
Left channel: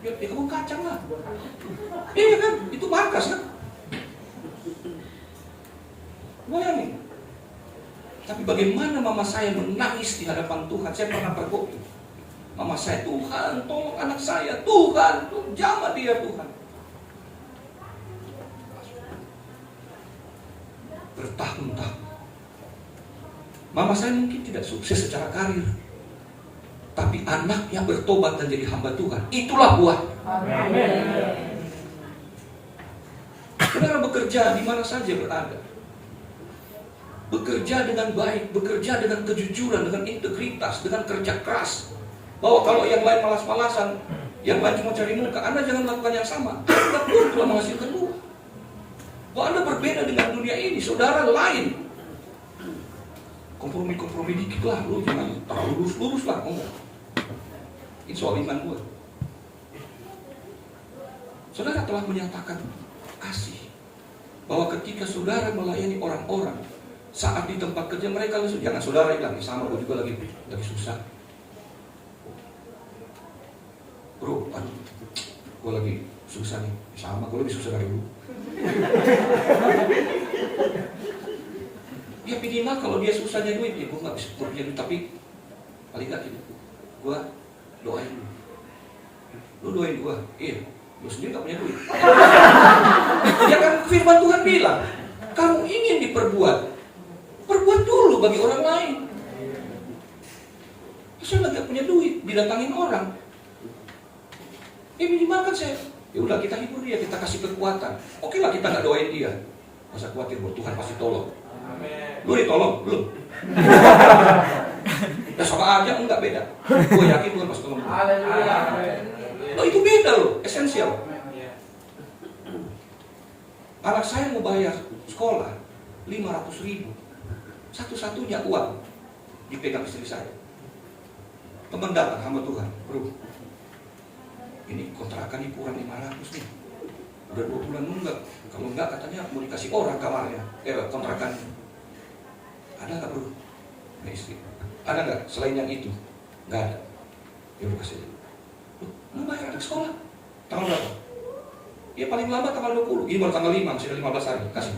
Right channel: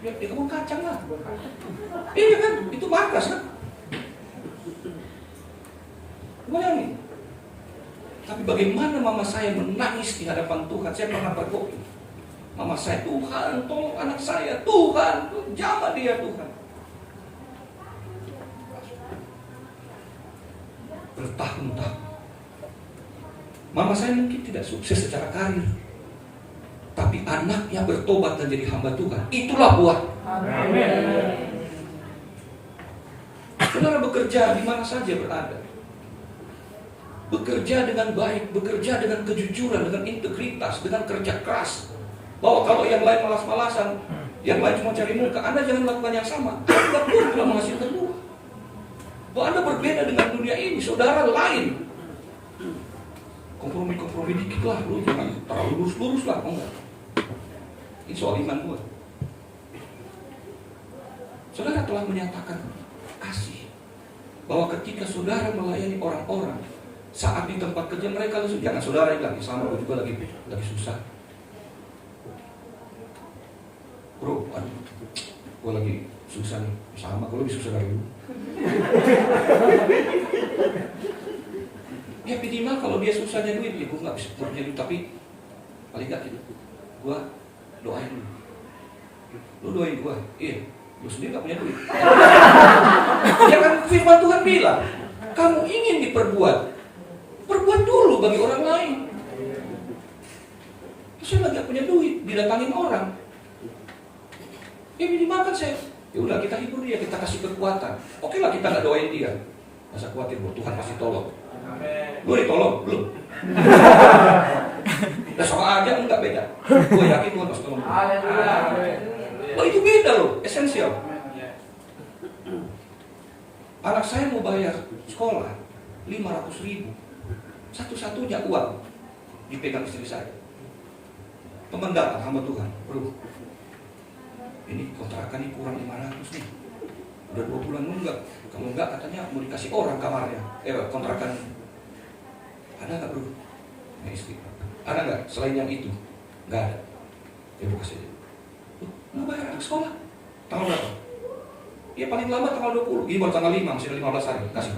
Ya, di kebun kacang lah. Iya kan, itu markas kan. Bayangin. Tapi bagaimana mama saya menangis di hadapan Tuhan. Saya pernah berdoa. Mama saya, Tuhan tolong anak saya, Tuhan jamah dia Tuhan. Bertahun-tahun. Mama saya mungkin tidak sukses secara karir, tapi anaknya bertobat dan jadi hamba Tuhan. Itulah buah. Amin. Saudara bekerja di mana saja berada, bekerja dengan baik, bekerja dengan kejujuran, dengan integritas, dengan kerja keras. Bahwa kalau yang lain malas-malasan, yang lain cuma cari muka, Anda jangan lakukan yang sama. Anda pun telah menghasilkan buah. Bahwa Anda berbeda dengan dunia ini, saudara lain. Kompromi-kompromi dikit lah, lu jangan terlalu lurus-lurus lah, enggak. Ini soal iman gue. Saudara telah menyatakan kasih, bahwa ketika saudara melayani orang-orang, saat di tempat kerja mereka langsung, jangan saudara lagi sama, gue juga lagi susah. Bro, gue lagi susah nih, sama gue lebih susah dari lu. Ya minimal kalau dia susahnya duit, ya gue gak bisa punya duit, tapi paling gak gitu, gue doain lu. Lu doain gue, iya, lu sendiri gak punya duit. Ya kan firman Tuhan bilang, kamu ingin diperbuat, perbuat dulu bagi orang lain. Terus saya lagi gak punya duit, didatangin orang. Minimal kan saya, ya udah kita hibur dia, kita kasih kekuatan. Oke lah kita nggak doain dia, masa khawatir buat Tuhan pasti tolong. Lu ditolong belum? Udah sama aja enggak beda. Gue yakin Tuhan pasti tolong. Lo itu beda loh, esensial. Anak saya mau bayar sekolah 500.000, satu-satunya uang dipegang istri saya. Teman datang hamba Tuhan, bro. Ini kontrakan ini kurang 500 nih. Udah 2 bulan nunggak. Kalau enggak katanya mau dikasih orang kamarnya. Kontrakan. Ada nggak bro? Nggak istri. Ada nggak selain yang itu? Nggak ada. Ya buka saja. ke sekolah. Tanggal berapa? Ya paling lama tanggal 20. Ini baru tanggal 5, masih ada 15 hari. Kasih.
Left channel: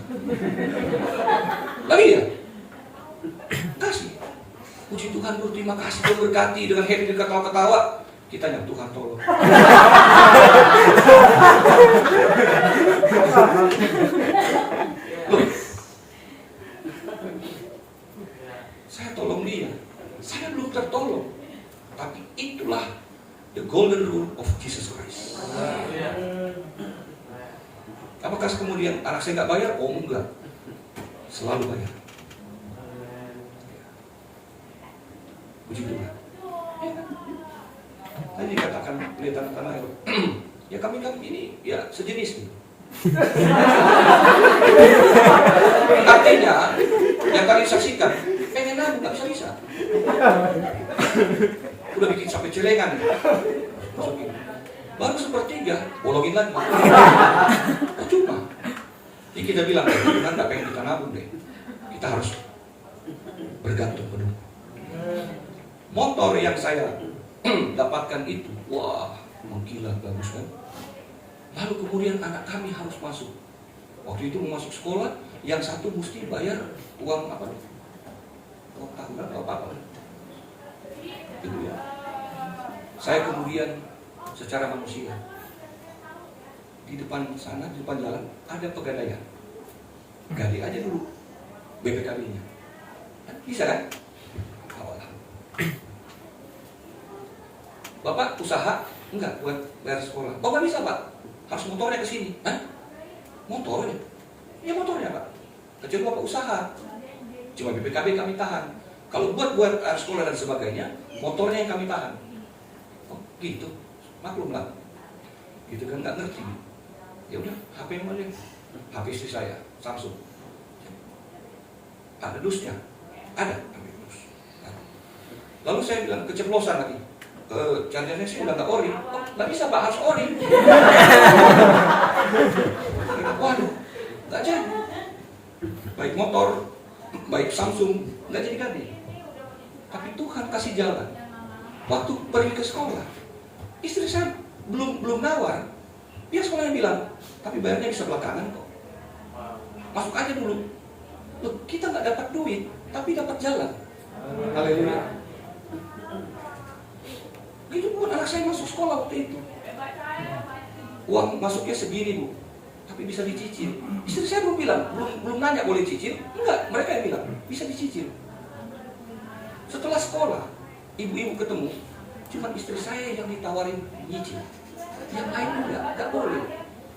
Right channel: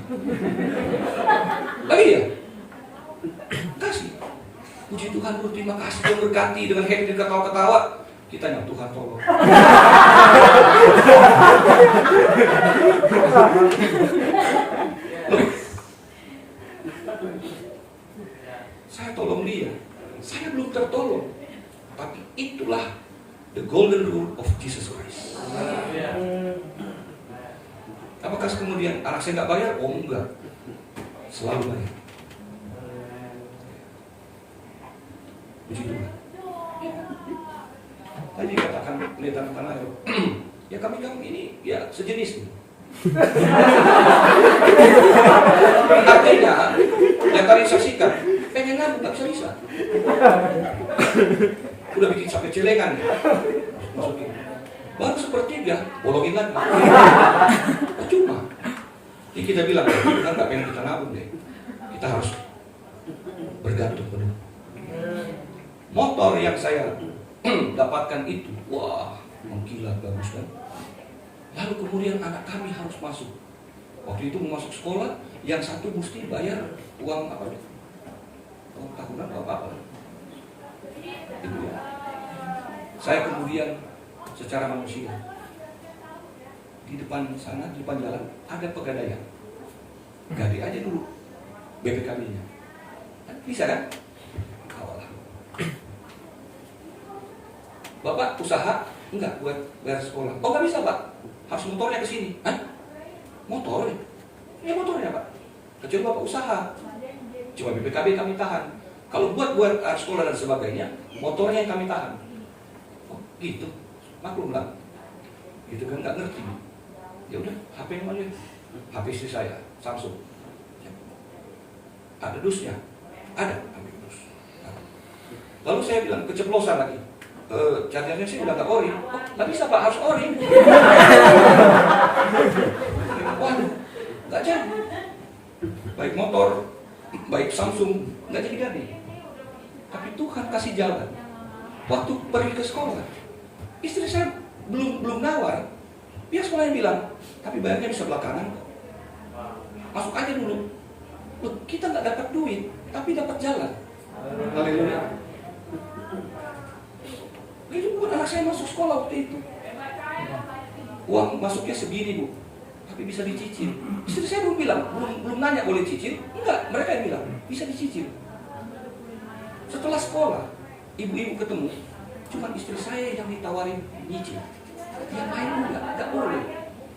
Lagi ya? Kasih. Puji Tuhan bro, terima kasih Tuhan berkati dengan happy, dengan ketawa-ketawa. Kita nyam Tuhan tolong. Loh, saya tolong dia. Saya belum tertolong. Tapi itulah the golden rule of Jesus Christ. Apakah kemudian anak saya nggak bayar? Oh enggak, selalu bayar. Puji Tuhan. Tadi katakan kelihatan tanah ya kami ini ya sejenis nih. Artinya yang kalian saksikan pengen nabung nggak bisa. Udah bikin sampai celengan nih. Masukin. Baru sepertiga bolongin lagi. Percuma. Jadi kita bilang kita nggak pengen kita nabung deh. Kita harus bergantung penuh. Motor yang saya dapatkan itu, wah, mengkilat bagus kan. Lalu kemudian anak kami harus masuk. Waktu itu mau masuk sekolah, yang satu mesti bayar uang apa? Uang tahunan atau apa? Itu ya. Saya kemudian secara manusia di depan sana, di depan jalan ada pegadaian. Gade aja dulu BPKB-nya. Bisa kan? Bapak usaha? Enggak, buat bayar sekolah. Oh nggak bisa Pak, harus motornya ke sini. Hah? Motornya? Ya motornya Pak. Kecuali Bapak usaha. Cuma BPKB kami tahan. Kalau buat sekolah dan sebagainya, motornya yang kami tahan. Oh gitu, maklum lah. Gitu kan nggak ngerti. Ya udah, HP yang mana? HP istri saya, Samsung. Ada dusnya? Ada, ambil dus. Lalu saya bilang keceplosan lagi. Chargernya sih udah nggak ori. Oh, nggak bisa Pak, harus ori. Waduh, nggak jadi. Baik motor, baik Samsung, nggak jadi. Tapi Tuhan kasih jalan. Waktu pergi ke sekolah, istri saya belum nawar. Dia sekolahnya bilang, tapi bayarnya bisa belakangan kok. Masuk aja dulu. Loh, kita nggak dapat duit, tapi dapat jalan. Haleluya. Itu bukan anak saya masuk sekolah waktu itu. Uang masuknya segini Bu, tapi bisa dicicil. Istri saya belum bilang, belum nanya boleh cicil. Enggak, mereka yang bilang bisa dicicil. Setelah sekolah, ibu-ibu ketemu, cuma istri saya yang ditawarin nyicil. Yang lain nggak boleh.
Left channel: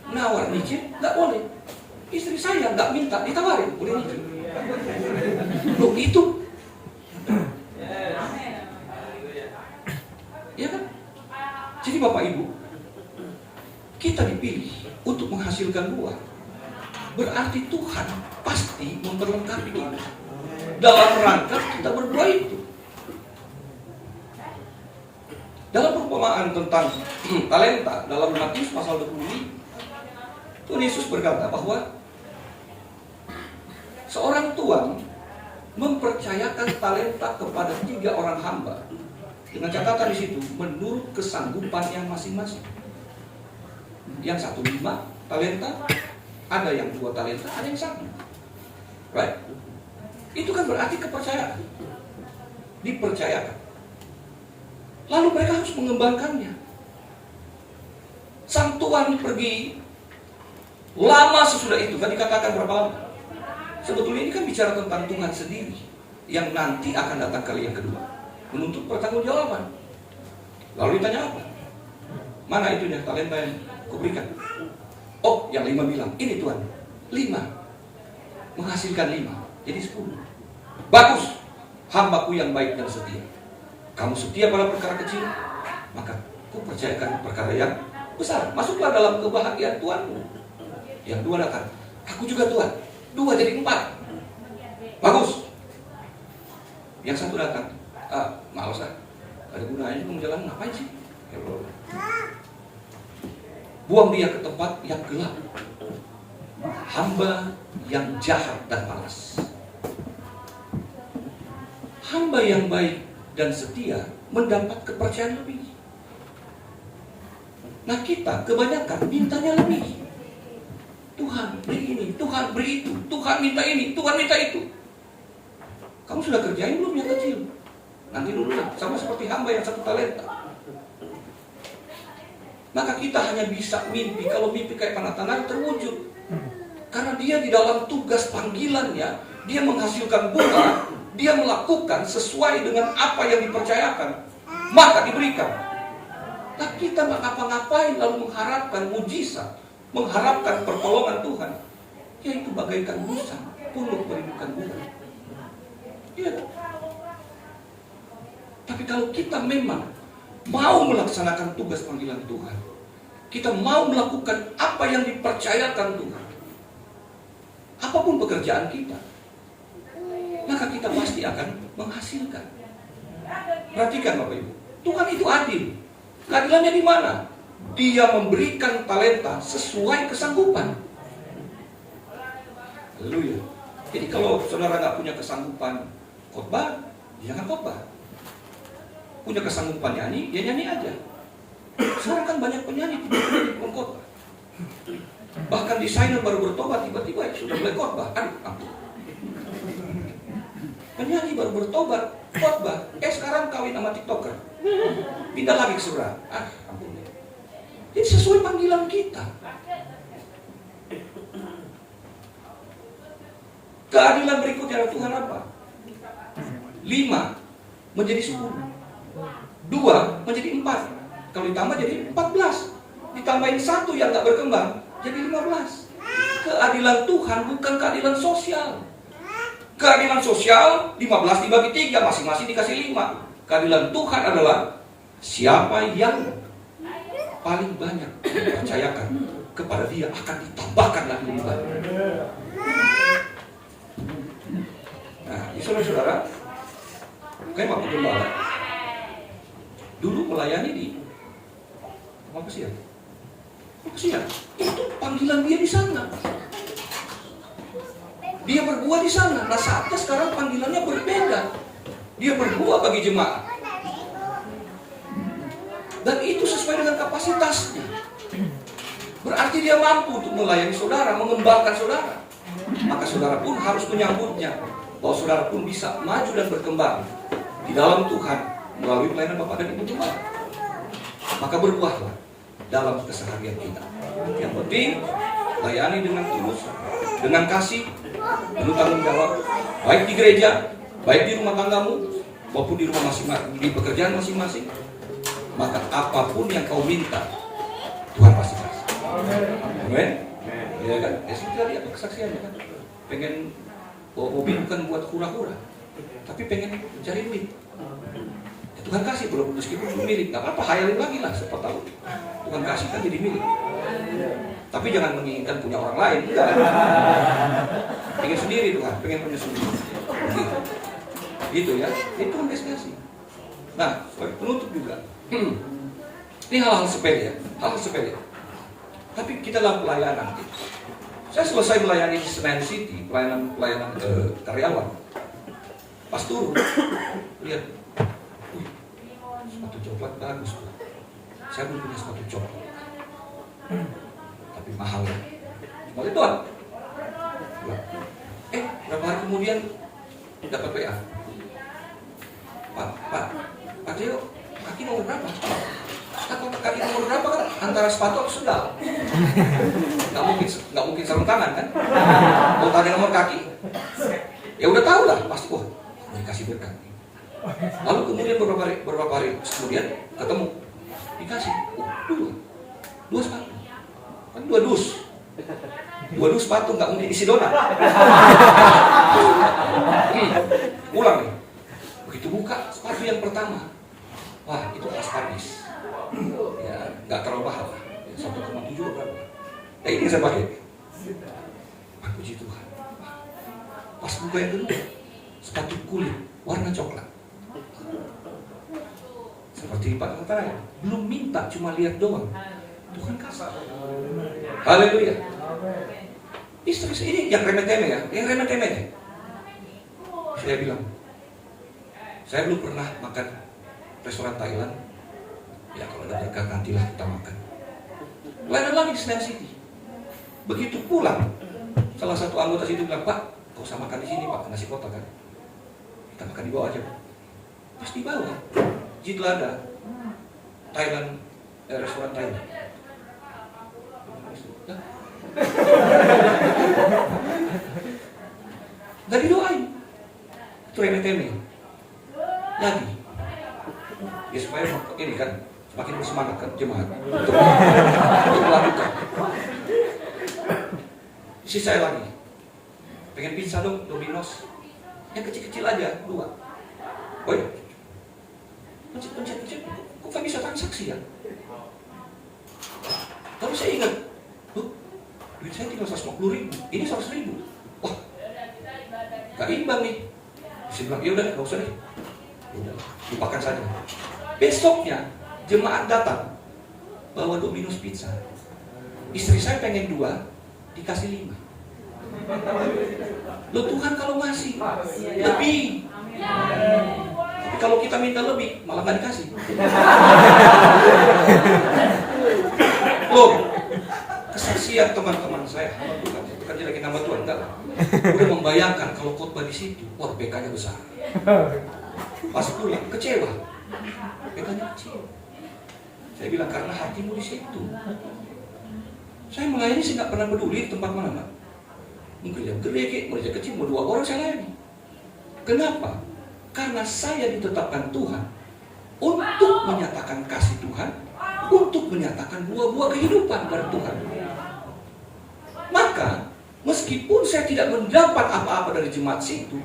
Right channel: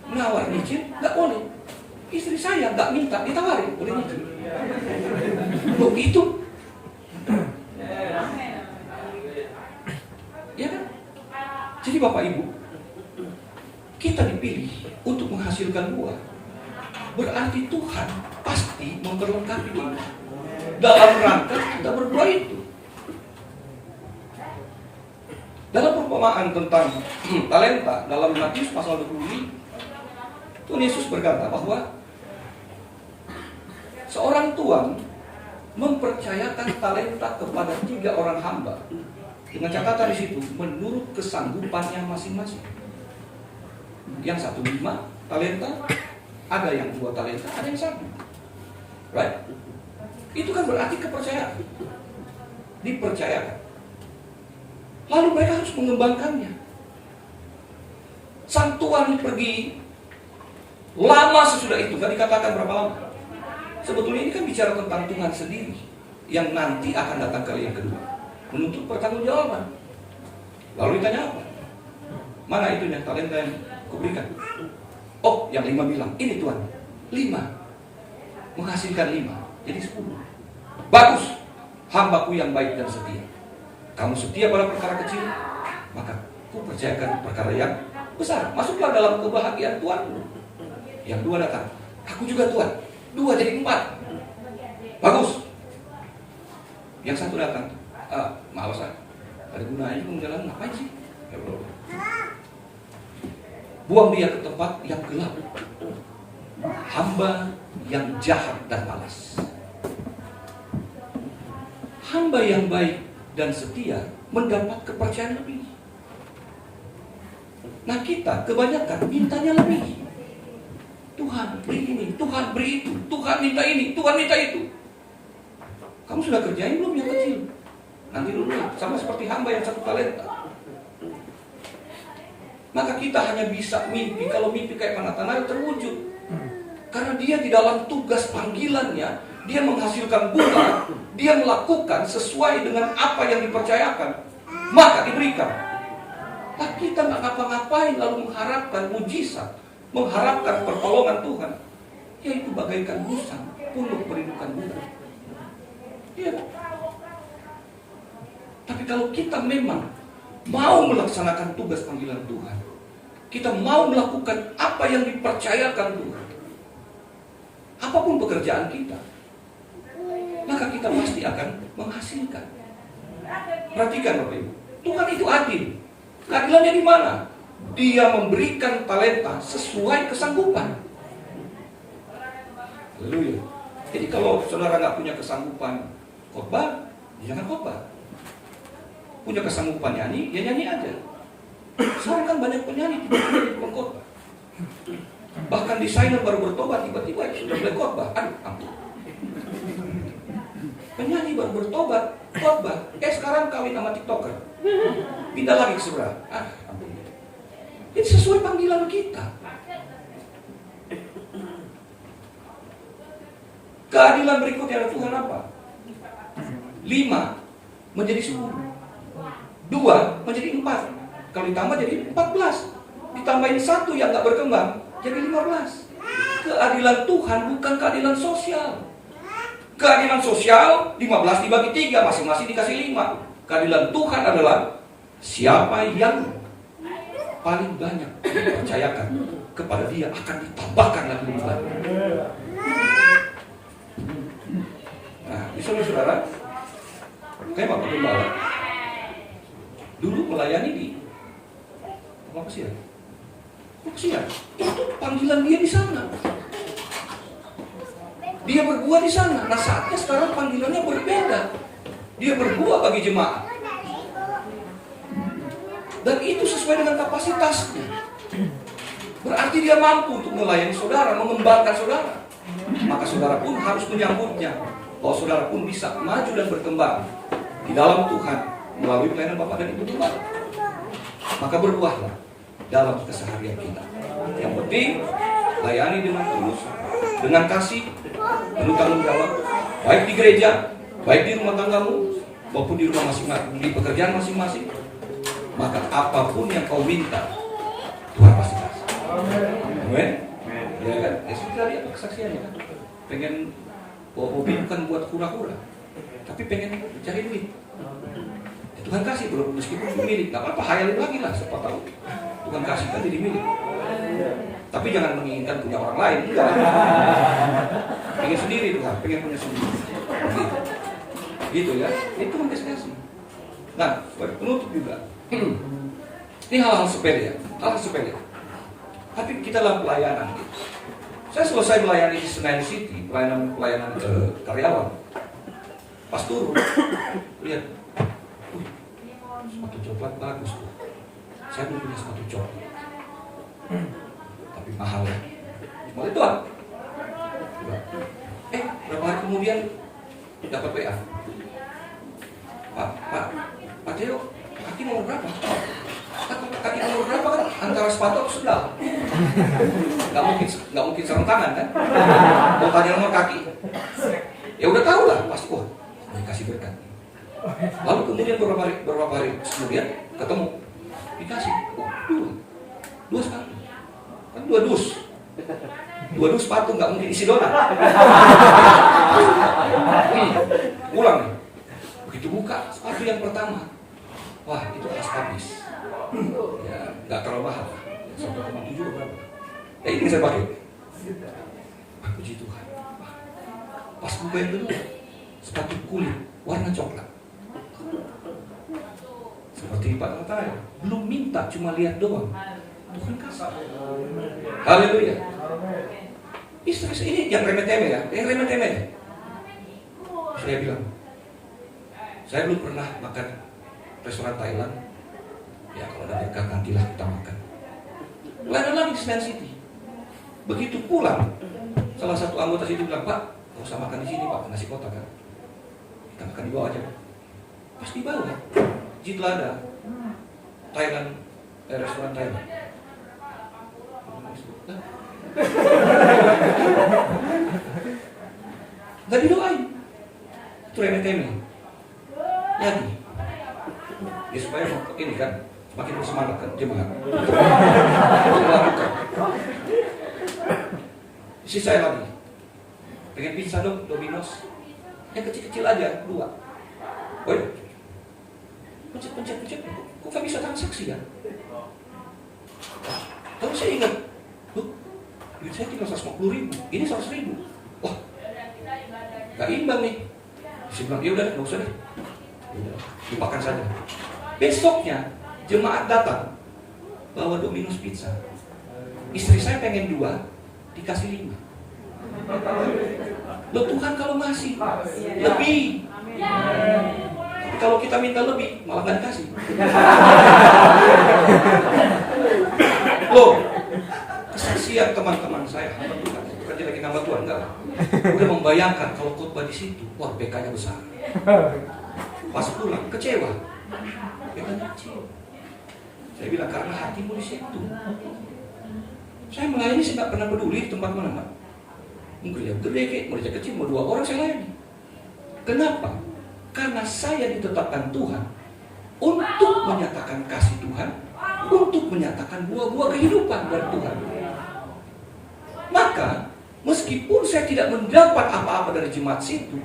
Nawar nyicil nggak boleh. Istri saya nggak minta ditawarin boleh nyicil. Loh itu. Ya kan? Jadi Bapak Ibu, kita dipilih untuk menghasilkan buah. Berarti Tuhan pasti memperlengkapi kita dalam rangka kita berbuah itu. Dalam perumpamaan tentang talenta dalam Matius pasal 20, Tuhan Yesus berkata bahwa seorang tuan mempercayakan talenta kepada 3 orang hamba. Dengan catatan di situ menurut kesanggupannya masing-masing. Yang 1 5 talenta, ada yang 2 talenta, ada yang 1. Right? Itu kan berarti kepercayaan. Dipercayakan. Lalu mereka harus mengembangkannya. Sang tuan pergi lama sesudah itu. Tadi katakan berapa lama? Sebetulnya ini kan bicara tentang Tuhan sendiri yang nanti akan datang kali yang kedua, menuntut pertanggungjawaban. Lalu ditanya apa? Mana itunya talenta yang kuberikan? Oh, yang 5 bilang, ini Tuhan 5 menghasilkan 5, jadi 10. Bagus, hambaku yang baik dan setia. Kamu setia pada perkara kecil, maka ku percayakan perkara yang besar. Masuklah dalam kebahagiaan Tuhan. Yang 2 datang, aku juga Tuhan, 2 jadi 4. Bagus. Yang 1 datang, malas ada gunanya kamu jalan ngapain sih? Buang dia ke tempat yang gelap, hamba yang jahat dan malas. Hamba yang baik dan setia mendapat kepercayaan lebih. Nah kita kebanyakan mintanya lebih. Tuhan beri ini, Tuhan beri itu, Tuhan minta ini, Tuhan minta itu. Kamu sudah kerjain belum yang kecil? Nanti dulu, sama seperti hamba yang 1 talenta. Maka kita hanya bisa mimpi kalau mimpi kayak Natanael terwujud. Karena dia di dalam tugas panggilannya, dia menghasilkan bunga, dia melakukan sesuai dengan apa yang dipercayakan, maka diberikan. Nah kita nggak ngapa-ngapain lalu mengharapkan mujizat, mengharapkan pertolongan Tuhan, yaitu bagaikan musang puluh merindukan bunga. Iya. Tapi kalau kita memang mau melaksanakan tugas panggilan Tuhan, kita mau melakukan apa yang dipercayakan Tuhan, apapun pekerjaan kita, maka kita pasti akan menghasilkan. Perhatikan Bapak Ibu, Tuhan itu adil. Keadilannya di mana? Dia memberikan talenta sesuai kesanggupan. Haleluya. Jadi kalau saudara nggak punya kesanggupan khotbah, jangan khotbah. Punya kesanggupan nyanyi, ya nyanyi aja. Sekarang kan banyak penyanyi tiba-tiba khotbah. Bahkan desainer baru bertobat tiba-tiba sudah mulai khotbah. Aduh, ampun. Penyanyi baru bertobat, khotbah. Sekarang kawin sama TikToker. Pindah lagi ke surga. Ampun. Ini sesuai panggilan kita. Keadilan berikutnya Tuhan apa? 5 menjadi 10, 2 menjadi 4. Kalau ditambah jadi 14. Ditambahin 1 yang gak berkembang jadi 15. Keadilan Tuhan bukan keadilan sosial. Keadilan sosial 15 dibagi 3, masing-masing dikasih 5. Keadilan Tuhan adalah siapa yang paling banyak dipercayakan kepada dia akan ditambahkan lagi lebih banyak. Nah, saudara-saudara, kayak Bapak Gembala dulu melayani di apa sih ya? Itu panggilan dia di sana. Dia berbuah di sana. Nah saatnya sekarang panggilannya berbeda. Dia berbuah bagi jemaat. Dan itu sesuai dengan kapasitasnya. Berarti dia mampu untuk melayani saudara, mengembangkan saudara. Maka saudara pun harus menyambutnya, bahwa saudara pun bisa maju dan berkembang di dalam Tuhan melalui pelayanan Bapak dan Ibu Gembala. Maka berbuahlah dalam keseharian kita. Yang penting layani dengan tulus, dengan kasih, penuh tanggung jawab, baik di gereja, baik di rumah tanggamu, maupun di rumah masing-masing, di pekerjaan masing-masing. Maka apapun yang kau minta, Tuhan pasti kasih. Amin. Ya kan? Sudah lihat kesaksiannya kan. Pengen bawa mobil bukan buat hura-hura, tapi pengen cari duit. Tuhan kasih belum, meskipun milik, nggak apa-apa, hayalin lagi lah, siapa tahu Tuhan kasih kan jadi milik. Tapi jangan menginginkan punya orang lain, enggak. Pengen sendiri Tuhan, pengen punya sendiri. Gitu ya, itu Tuhan kasih. Nah, sebagai penutup juga, ini hal-hal sepele ya, hal-hal sepele. Tapi kita dalam pelayanan. Saya selesai melayani di Senayan City, pelayanan karyawan. Pas turun, lihat, sepatu coklat bagus. Saya belum punya sepatu coklat, tapi mahal. Mau Tuhan. Berapa hari kemudian dapat WA. Pak Teo, kaki nomor berapa? Kaki nomor berapa kan? Antara sepatu atau sendal? Nggak mungkin sarung tangan kan? Mau tanya nomor kaki? Ya udah tahu lah, pasti kok. Dikasih berkat. Lalu kemudian beberapa hari kemudian ketemu, dikasih dua sepatu, kan dua dus sepatu, nggak mungkin isi donat. Pulang nih, begitu buka sepatu yang pertama, wah itu atas habis, ya nggak terlalu mahal, 1,7 berapa? Ini saya pakai, puji Tuhan. Pas buka yang kedua, sepatu kulit warna coklat. Seperti Pak Natanael, belum minta, cuma lihat doang. Tuhan kasih. Haleluya. Ini yang remeh-temeh ya, ya. Saya bilang, saya belum pernah makan restoran Thailand. Ya kalau ada berkat nantilah kita makan. Pelayanan lagi di Senayan City. Begitu pulang, salah satu anggota situ bilang, Pak, kau usah makan di sini Pak, nasi kotak kan. Kita makan di bawah aja. Pas di bawah, Jitlada, Thailand, restoran Thailand. Gak didoain. Itu remeh-temeh. Lagi. Ya supaya ini kan semakin bersemangat kan jemaat untuk melakukan. Isi saya lagi. Pengen pizza dong, Domino's. Yang kecil-kecil aja, 2. Woi. Pencet. Kok kan bisa transaksi kan? Tapi saya ingat, duit saya tinggal 150.000, ini 100.000. Wah, gak imbang nih. Saya bilang, ya udah, gak usah deh. Udah, lupakan saja. Besoknya, jemaat datang, bawa Domino's pizza. Istri saya pengen 2, dikasih 5. Loh Tuhan kalau ngasih, lebih. Tapi kalau kita minta lebih, malah gak dikasih. Loh, kesaksian teman-teman saya, bukan jadi nama Tuhan, enggak. Udah membayangkan kalau khotbah di situ, wah BK-nya besar. Pas pulang, kecewa. BK-nya kecil. Saya bilang, karena hatimu di situ. Saya melayani, saya nggak pernah peduli di tempat mana, Pak. Mungkin yang gede, mau dia kecil, mau 2 orang saya layani. Kenapa? Karena saya ditetapkan Tuhan untuk menyatakan kasih Tuhan, untuk menyatakan buah-buah kehidupan dari Tuhan. Maka, meskipun saya tidak mendapat apa-apa dari jemaat situ,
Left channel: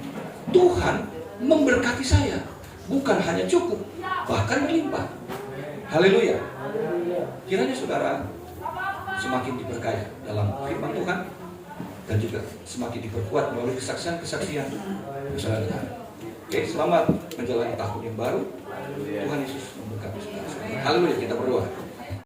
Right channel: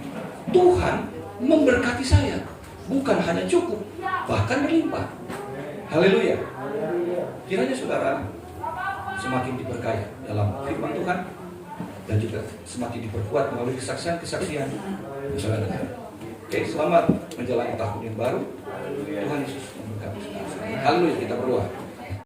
Tuhan memberkati saya. Bukan hanya cukup, bahkan berlimpah. Haleluya. Kiranya saudara semakin diberkati dalam firman Tuhan dan juga semakin diperkuat melalui kesaksian-kesaksian saudara. Oke, selamat menjalani tahun yang baru. Tuhan Yesus memberkati saudara. Haleluya, kita berdoa.